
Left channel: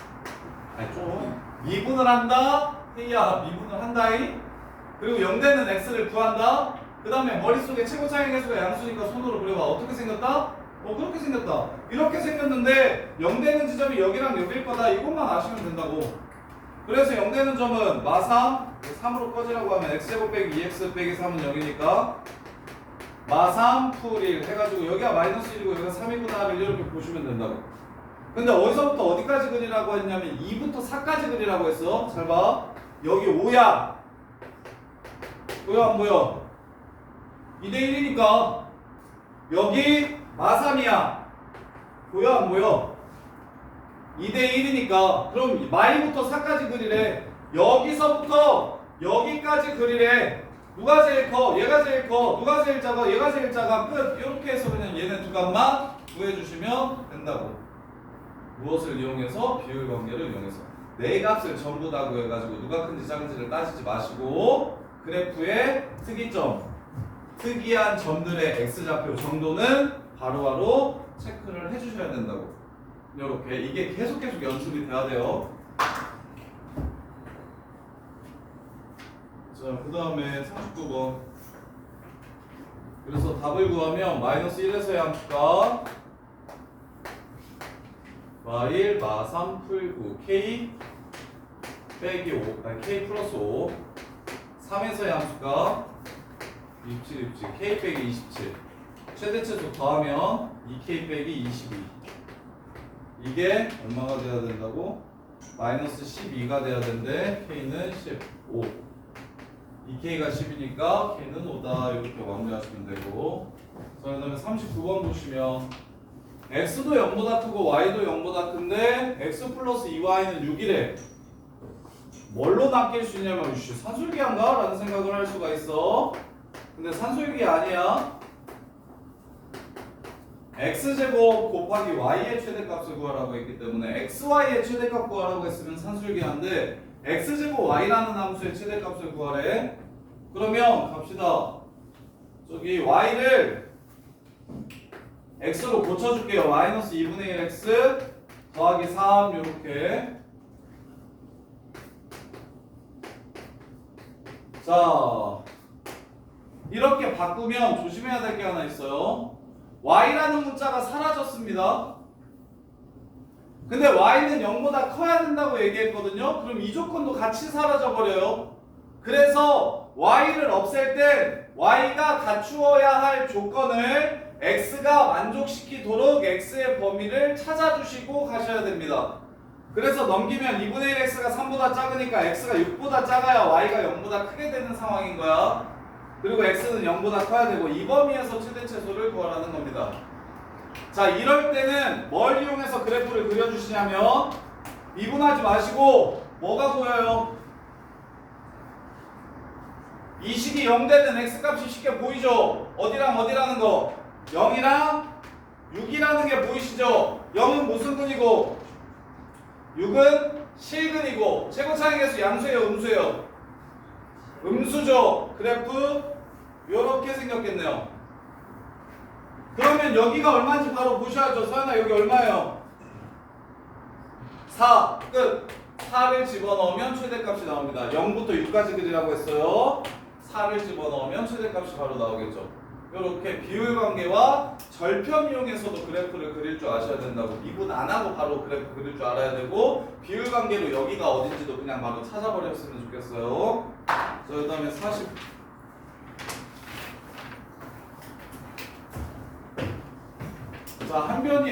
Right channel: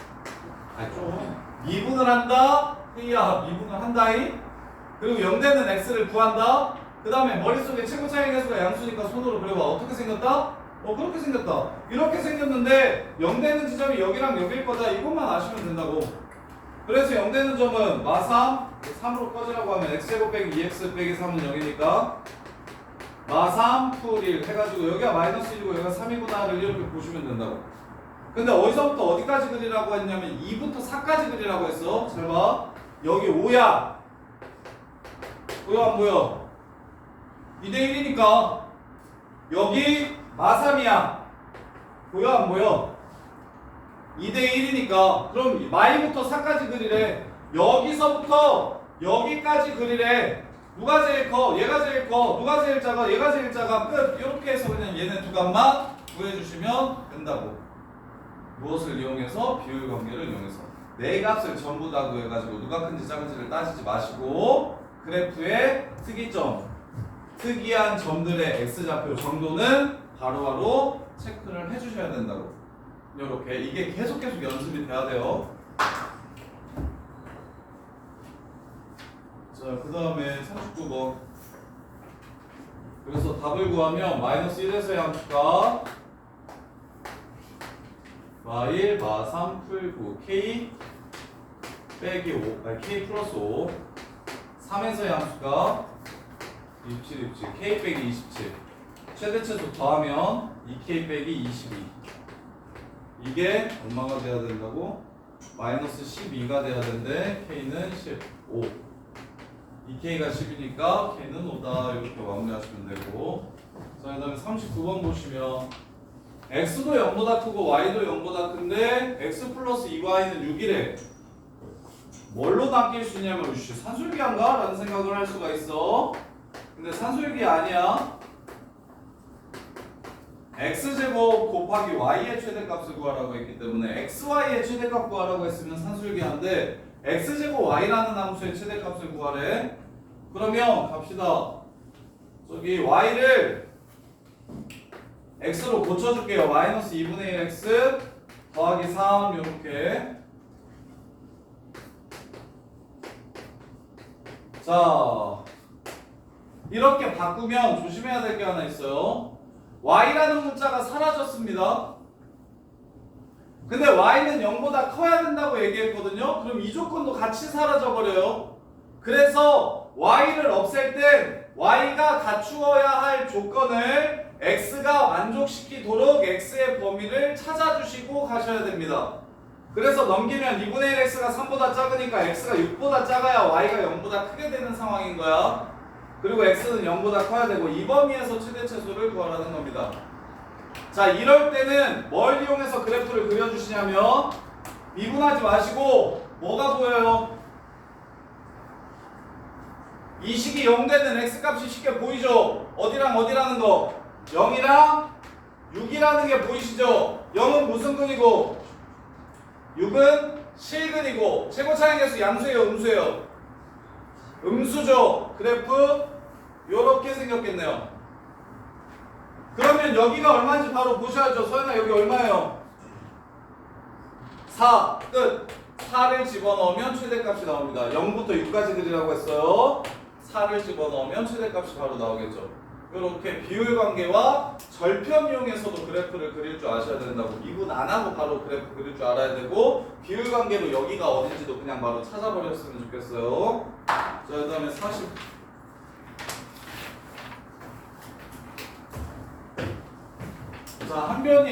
아니 좀 미분을 한다? 헤이야 미분을 한다이? 그리고 0 되는 x를 구한다? 그 다음에 머릿속에 최고 차이 개수가 양수니까 손으로 그려봐. 어떻게 생겼다? 그렇게 생겼다. 이렇게 생겼는데 0 되는 지점이 여기랑 여기일 거다. 이것만 아시면 된다고. 그래서 0 되는 점은 마3 3으로 꺼지라고 하면 x제곱 빼기 2x 빼기 3은 0이니까 마3 풀 1 해가지고 여기가 마이너스 1이고 여기가 3이구나를 이렇게 보시면 된다고. 근데 어디서부터 어디까지 그리라고 했냐면 2부터 4까지 그리라고 했어. 잘 봐. 여기 5야. 보여 안 보여? 2대 1이니까 여기 마3이야. 보여 안 보여? 2대 1이니까 그럼 마이부터 4까지 그리래. 여기서부터 여기까지 그리래. 누가 제일 커? 얘가 제일 커. 누가 제일 작아? 얘가 제일 작아. 끝. 이렇게 해서 그냥 얘네 두 값만 구해주시면 된다고. 무엇을 이용해서? 비율 관계를 이용해서. 네 값을 전부 다 구해가지고 누가 큰지 작은지를 따지지 마시고 그래프의 특이점, 특이한 점들의 x좌표 정도는 바로바로 체크를 해주셔야 된다고. 이렇게 이게 계속 연습이 돼야 돼요. 자, 그 다음에 39번. 그래서 답을 구하면 마이너스 1에서의 함수가 마1, 마3 풀9 k 빼기 5, 아니 k 플러스 5 3에서의 함수가 27, 27 k 빼기 27 최대 최소 더하면 2k 빼기 22 이게 얼마가 돼야 된다고? 마이너스 12가 돼야 되는데 k는 15 2k가 10이니까 k는 5다. 이렇게 마무리하시면 되고. 자, 그 다음에 39번 보시면 x도 0보다 크고 y도 0보다 큰데 x 플러스 2y는 6이래. 뭘로 낚일 수 있냐면 산술기한가? 라는 생각을 할 수가 있어. 근데 산술기 아니야. x제곱 곱하기 y의 최대값을 구하라고 했기 때문에 xy의 최대값 구하라고 했으면 산술기한데 x제곱 y라는 함수의 최대값을 구하래. 그러면 갑시다. 저기 y를 x로 고쳐줄게요. 마이너스 2분의 1 x 더하기 3 이렇게. 자, 이렇게 바꾸면 조심해야 될 게 하나 있어요. y라는 문자가 사라졌습니다. 근데 y는 0보다 커야 된다고 얘기했거든요. 그럼 이 조건도 같이 사라져 버려요. 그래서 y를 없앨 땐 y가 갖추어야 할 조건을 x가 만족시키도록 x의 범위를 찾아주시고 가셔야 됩니다. 그래서 넘기면 2분의 1 x가 3보다 작으니까 x가 6보다 작아야 y가 0보다 크게 되는 상황인 거야. 그리고 x는 0보다 커야 되고 이 범위에서 최대 최소를 구하라는 겁니다. 자, 이럴 때는 뭘 이용해서 그래프를 그려주시냐면 미분하지 마시고 뭐가 보여요? 이 식이 0 되는 x값이 쉽게 보이죠? 어디랑 어디라는 거? 0이랑 6이라는 게 보이시죠? 0은 무슨 근이고 6은 실근이고 최고차의 개수 양수예요, 음수예요? 음수죠. 그래프 요렇게 생겼겠네요. 그러면 여기가 얼마인지 바로 보셔야죠. 서연아, 여기 얼마예요? 4 끝. 4를 집어넣으면 최대값이 나옵니다. 0부터 6까지 그리라고 했어요. 4를 집어넣으면 최대값이 바로 나오겠죠. 이렇게 비율관계와 절편 이용해서도 그래프를 그릴 줄 아셔야 된다고. 미분 안 하고 바로 그래프 그릴 줄 알아야 되고 비율관계로 여기가 어딘지도 그냥 바로 찾아버렸으면 좋겠어요. 자, 그 다음에 40. 자, 한 변이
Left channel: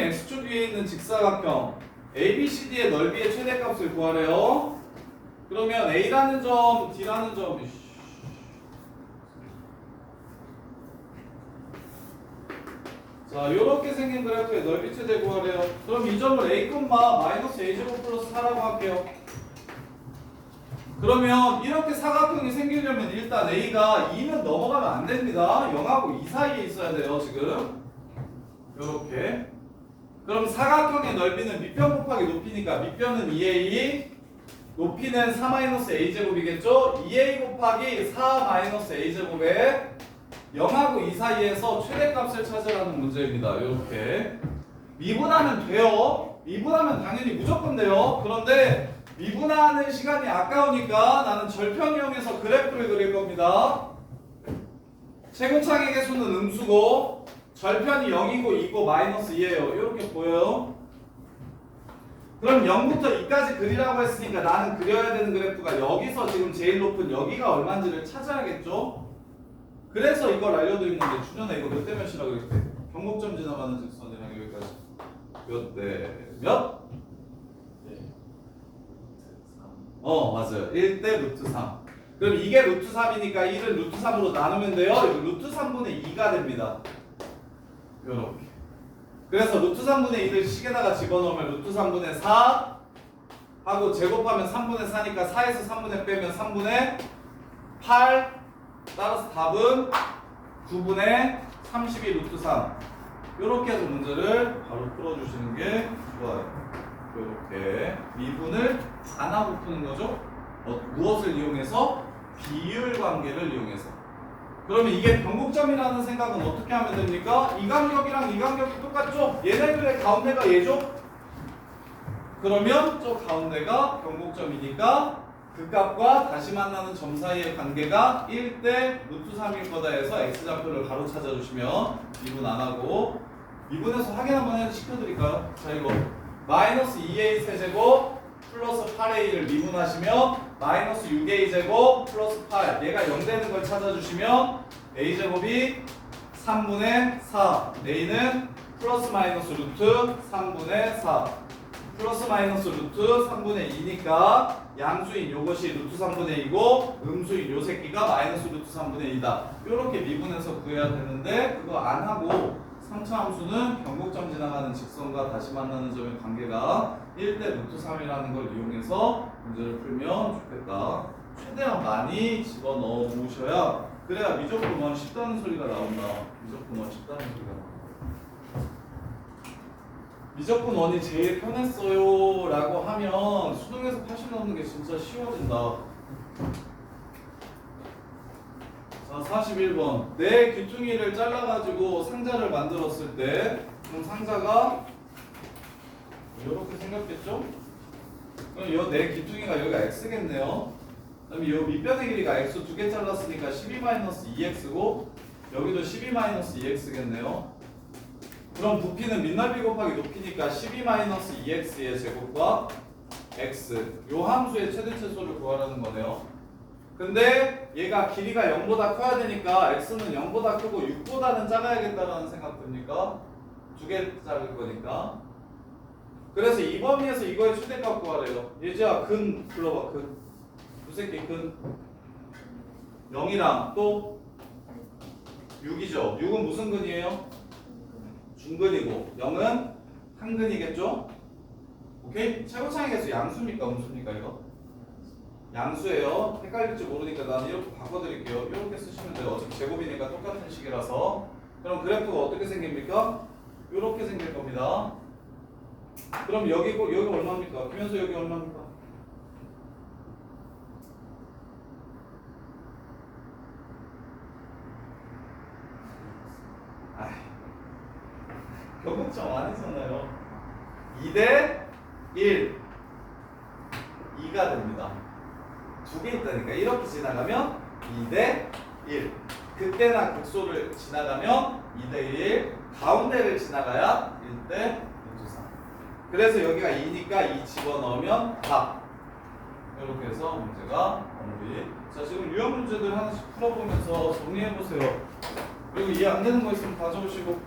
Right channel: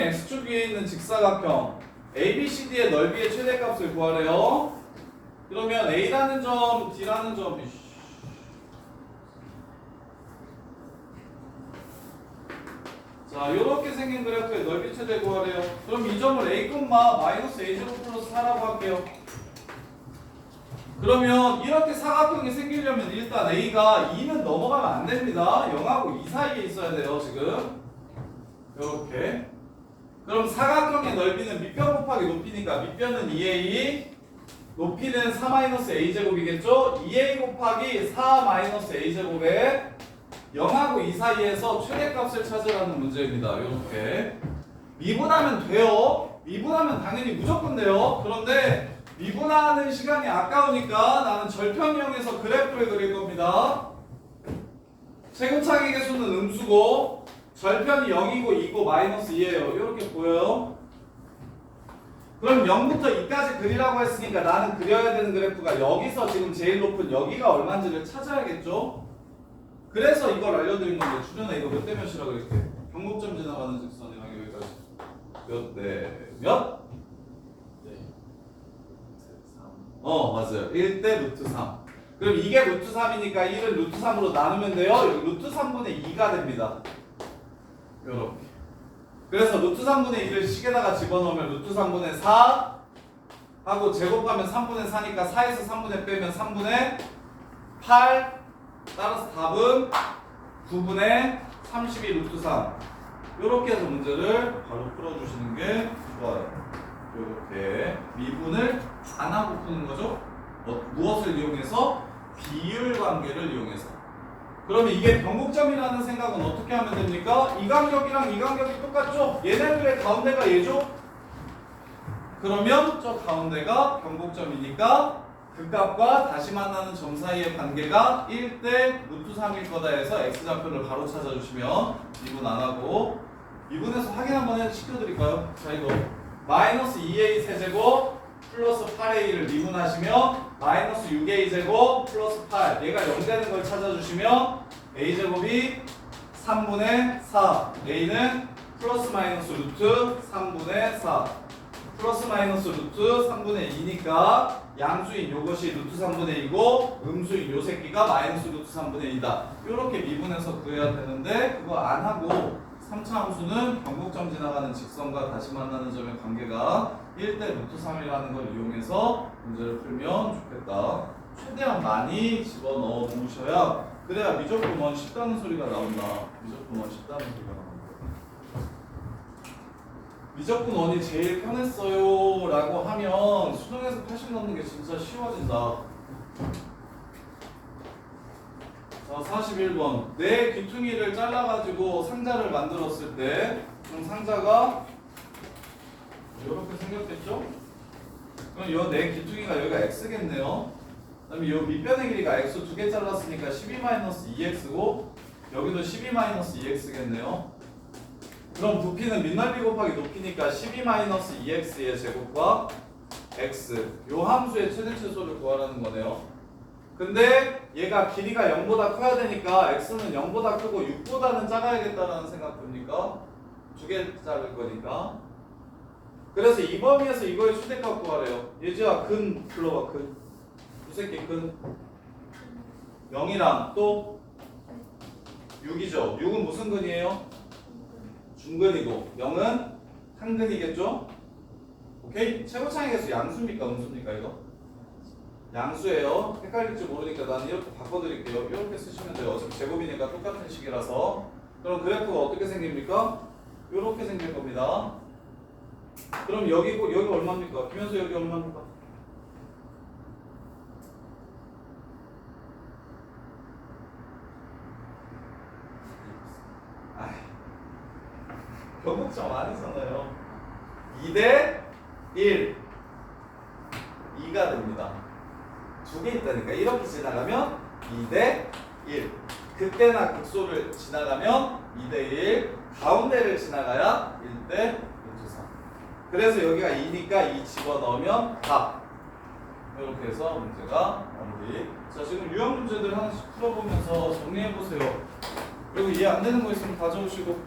x축 위에 있는 직사각형 ABCD의 넓이의 최대값을 구하래요. 그러면 A라는 점, D라는 점, 자, 요렇게 생긴 그래프의 넓이 최대 구하래요. 그럼 이 점을 A, 마이너스 A제곱 플러스 4라고 할게요. 그러면 이렇게 사각형이 생기려면 일단 A가 2는 넘어가면 안 됩니다. 0하고 2 사이에 있어야 돼요, 지금. 요렇게. 그럼 사각형의 넓이는 밑변 곱하기 높이니까 밑변은 2A, 높이는 4-A제곱이겠죠? 2A 곱하기 4-A제곱에 0하고 2 사이에서 최대값을 찾으라는 문제입니다. 요렇게. 미분하면 돼요. 미분하면 당연히 무조건 돼요. 그런데 미분하는 시간이 아까우니까 나는 절편 이용해서 그래프를 그릴 겁니다. 최고차의 개수는 음수고 절편이 0이고 2고 마이너스 2예요. 이렇게 보여요. 그럼 0부터 2까지 그리라고 했으니까 나는 그려야 되는 그래프가 여기서 지금 제일 높은 여기가 얼마인지를 찾아야겠죠? 그래서 이걸 알려드린 건데 주변에 이거 몇 대 몇이라고 이렇게 경곡점 지나가는 직선이랑 여기까지 몇 대 몇? 맞아요. 1대 루트 3. 그럼 이게 루트 3이니까 1을 루트 3으로 나누면 돼요. 루트 3분의 2가 됩니다. 요렇게. 그래서 루트 3분의 2를 식에다가 집어넣으면 루트 3분의 4 하고 제곱하면 3분의 4니까 4에서 3분의 빼면 3분의 8. 따라서 답은 9분의 32 루트 3. 요렇게 해서 문제를 바로 풀어주시는 게 좋아요. 이렇게 미분을 안 하고 푸는 거죠. 무엇을 이용해서? 비율 관계를 이용해서. 그러면 이게 변곡점이라는 생각은 어떻게 하면 됩니까? 이 간격이랑 이 간격이 똑같죠? 얘네들의 가운데가 얘죠? 그러면 저 가운데가 변곡점이니까 그 값과 다시 만나는 점 사이의 관계가 1대 루트 3일 거다 해서 x좌표를 바로 찾아주시면 미분 안 하고 미분해서 확인 한번 시켜드릴까요? 자, 이거 마이너스 2a 세제곱 플러스 8a를 미분하시면 마이너스 6a 제곱 플러스 8 얘가 0 되는 걸 찾아주시면 a제곱이 3분의 4 a는 플러스 마이너스 루트 3분의 4 플러스 마이너스 루트 3분의 2니까 양수인 요것이 루트 3분의 2고 음수인 요 새끼가 마이너스 루트 3분의 2다. 요렇게 미분해서 구해야 되는데 그거 안 하고 3차 함수는 변곡점 지나가는 직선과 다시 만나는 점의 관계가 1대 루트 3이라는 걸 이용해서 문제를 풀면 좋겠다. 최대한 많이 집어넣어 놓으셔야 그래야 미적분원 쉽다는 소리가 나온다. 미적분원 쉽다는 소리가 나온다. 미적분원이 제일 편했어요 라고 하면 수능에서 80 넣는 게 진짜 쉬워진다. 자, 41번. 내 귀퉁이를 잘라가지고 상자를 만들었을 때 그럼 상자가 이렇게 생겼겠죠? 그럼 요 내 귀퉁이가 여기가 x겠네요. 그다음에 요 밑변의 길이가 x 2개 잘랐으니까 12-2x고 여기도 12-2x겠네요. 그럼 부피는 밑넓이 곱하기 높이니까 12-2x의 제곱과 x 요 함수의 최대 최소를 구하라는 거네요. 근데 얘가 길이가 0보다 커야 되니까 x는 0보다 크고 6보다는 작아야겠다는 생각 듭니까? 두 개 작을 거니까. 그래서 이 범위에서 이거의 최대값 구하래요. 예지야 근 불러봐. 근. 두 새끼 근. 0이랑 또 6이죠. 6은 무슨 근이에요? 중근이고 0은 한근이겠죠? 오케이? 최고차이 계수 양수입니까? 음수입니까 이거? 양수예요. 헷갈릴지 모르니까 나는 이렇게 바꿔드릴게요. 이렇게 쓰시면 돼요. 어차피 제곱이니까 똑같은 식이라서. 그럼 그래프가 어떻게 생깁니까? 이렇게 생길 겁니다. 그럼 여기 얼마입니까? 김현수 여기 얼마입니까? 아이, 교국점 아니잖아요. 2대 1, 2가 됩니다. 두 개 있다니까. 이렇게 지나가면 2대 1. 극대나 극소를 지나가면 2대 1. 가운데를 지나가야 1대 3. 그래서 여기가 2니까 2 집어넣으면 4. 이렇게 해서 문제가 마무리. 자, 지금 유형 문제들 하나씩 풀어보면서 정리해보세요. 그리고 이해 안 되는 거 있으면 가져오시고.